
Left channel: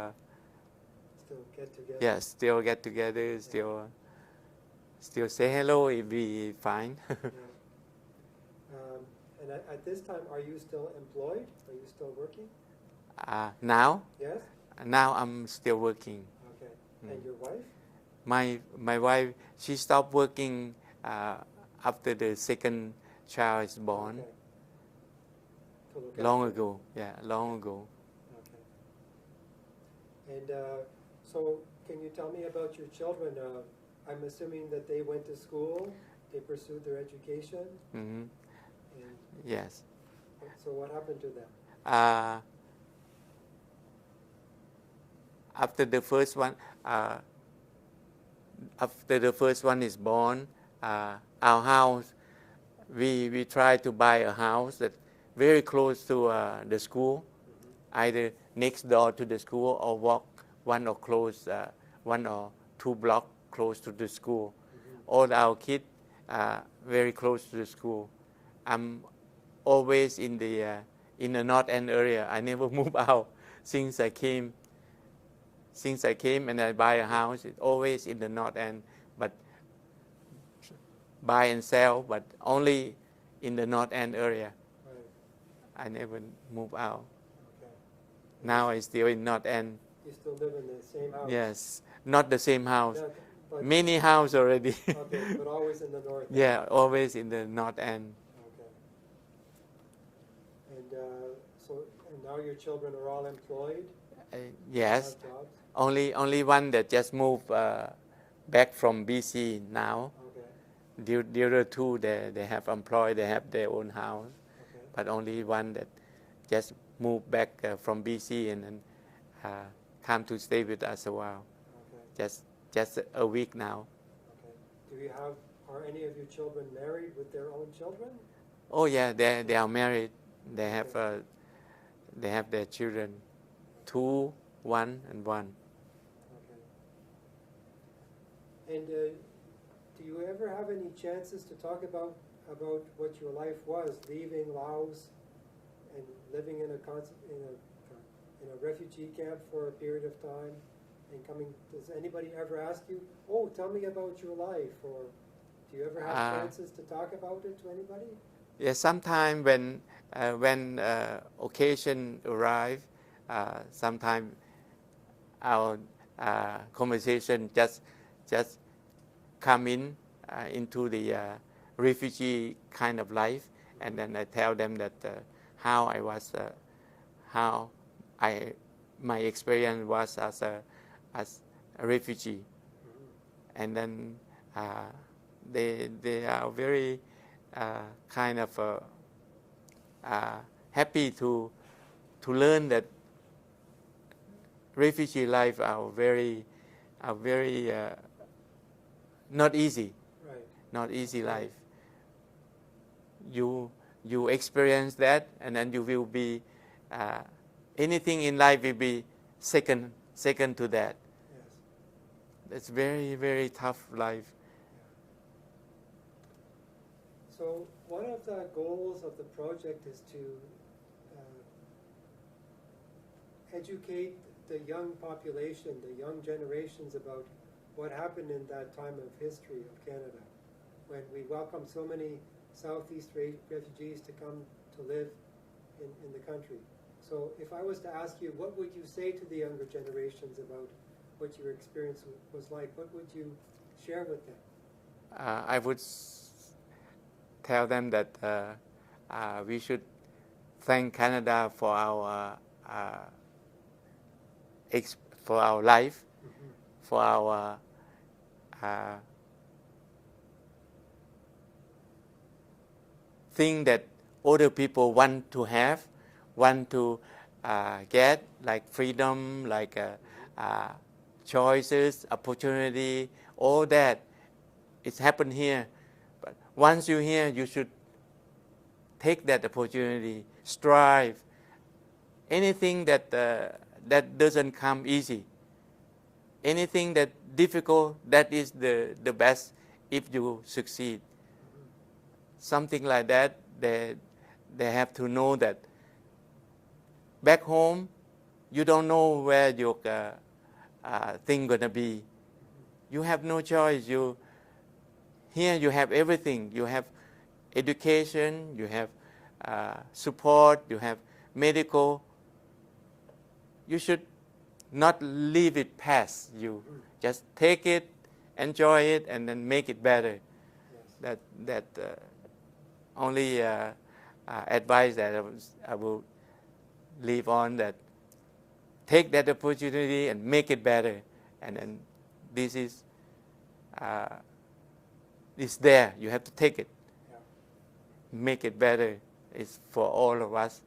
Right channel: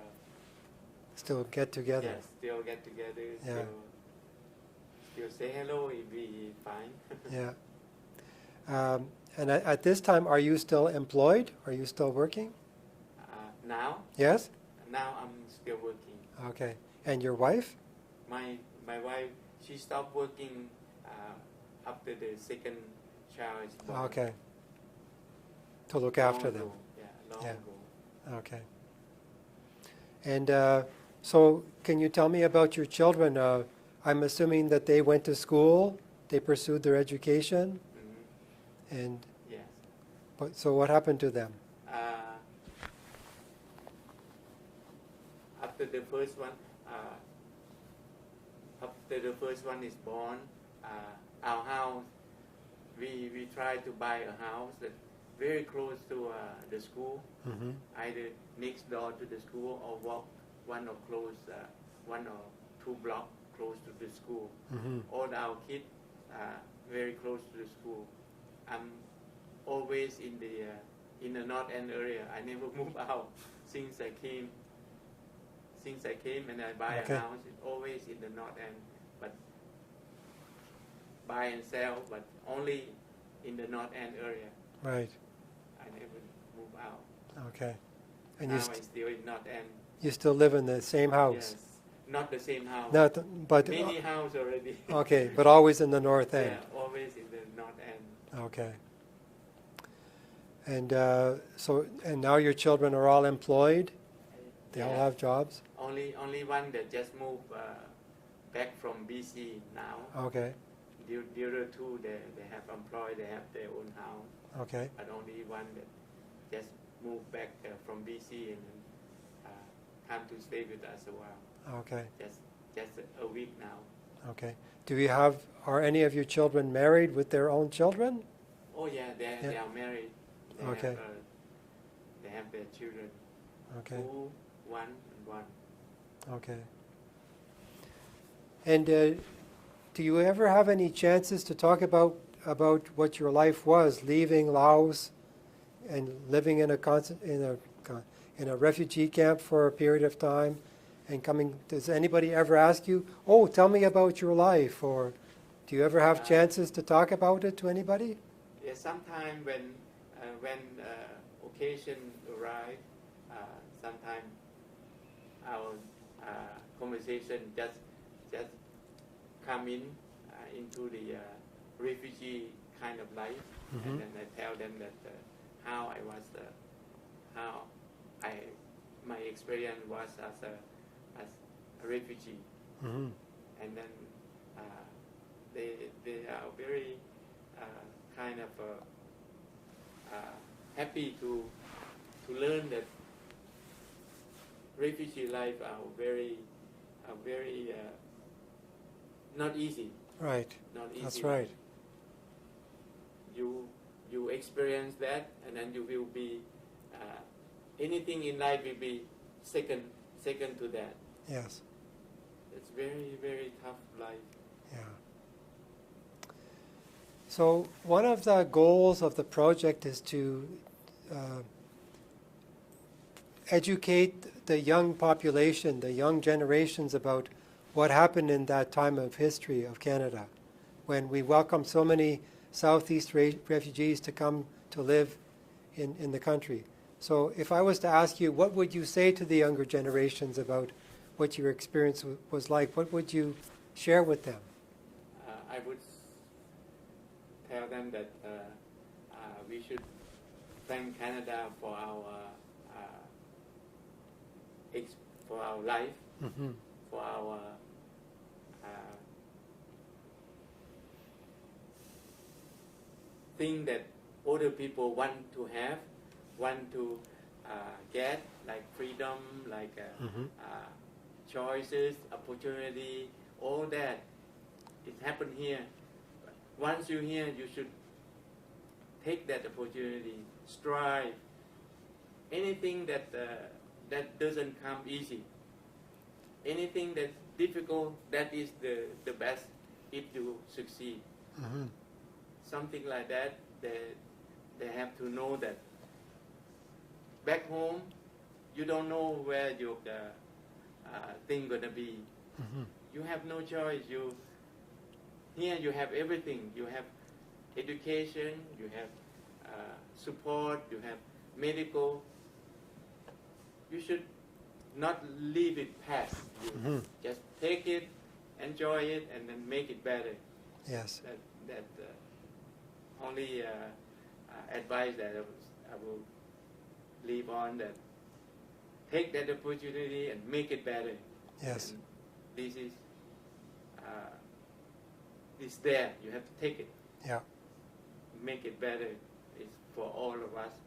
Still get together. yeah, still get together, still say hello if we fine. Yeah. And at this time, are you still employed? Are you still working? Now Yes? I'm still working. Okay. And your wife? My wife, she stopped working after the second child is born. Okay. To look Long after ago, long Yeah. ago. Okay. And so, can you tell me about your children? I'm assuming that they went to school, they pursued their education, and Yes. so what happened to them? After the first one, is born, our house, we try to buy a house that very close to the school, either next door to the school or walk one or two blocks close to the school. All our kids very close to the school. I'm always in the North End area. I never move out since I came. And I buy a house, it's always in the North End, but buy and sell, but only in the North End area. Right. I never move out. Okay. And Now I'm still in North End. you still live in the same house? Yes, not the same house. But Many house already. Okay, but always in the North End. Yeah, always in the North End. Okay. And and now your children are all employed? They all Yes. have jobs? Only one that just moved back from BC now. Okay. The other two, they have employed, they have their own house. Okay. But only one that just moved back from BC and then come to stay with us a while. Okay. Just a week now. Okay. Are any of your children married with their own children? Oh yeah, they are married. They Okay. have their children, Okay. 2, 1, and 1. Okay. And do you ever have any chances to talk about what your life was, leaving Laos and living in a refugee camp for a period of time, and coming? Does anybody ever ask you, "Oh, tell me about your life," or do you ever have chances to talk about it to anybody? Yeah, sometimes when occasion arrive, sometimes our conversation just come into the refugee kind of life, and then I tell them that how I was, my experience was as a refugee, and then they are very kind of happy to learn that refugee life are very not easy. Right. Not easy That's right. life. You experience that, and then you will be anything in life will be second to that. Yes. It's very, very tough life. Yeah. So one of the goals of the project is to educate the young population, the young generations, about what happened in that time of history of Canada, when we welcomed so many Southeast refugees to come to live in the country. So if I was to ask you, what would you say to the younger generations about what your experience was like? What would you share with them? I would tell them that we should thank Canada for our life, for our thing that other people want to have, want to get, like freedom, like choices, opportunity, all that. It's happened here. But once you're here, you should take that opportunity, strive. Anything that doesn't come easy, anything that difficult, that is the best if you succeed. Mm-hmm. Something like that, they have to know that back home, you don't know where your thing gonna be. Mm-hmm. You have no choice. Here you have everything. You have education, you have support, you have medical. You should not leave it pass. You Mm-hmm. just take it, enjoy it, and then make it better. Yes. That only advice that I will leave on, that take that opportunity and make it better. And Yes. then this is it's there. You have to take it, Yeah. make it better. It's for all of us.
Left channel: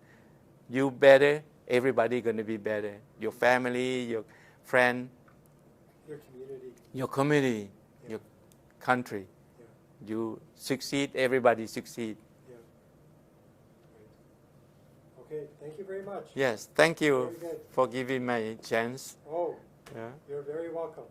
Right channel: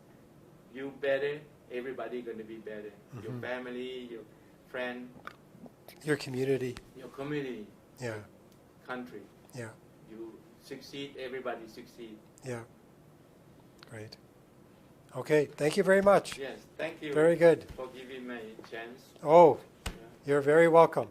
You better, everybody gonna be better. Your Mhm. family, your friend, Your community. your community, Yeah. your country. Yeah. You succeed, everybody succeed. Yeah. Great. Okay. Thank you very much. Yes, thank you Very good. for giving me a chance. Oh, Yeah. you're very welcome.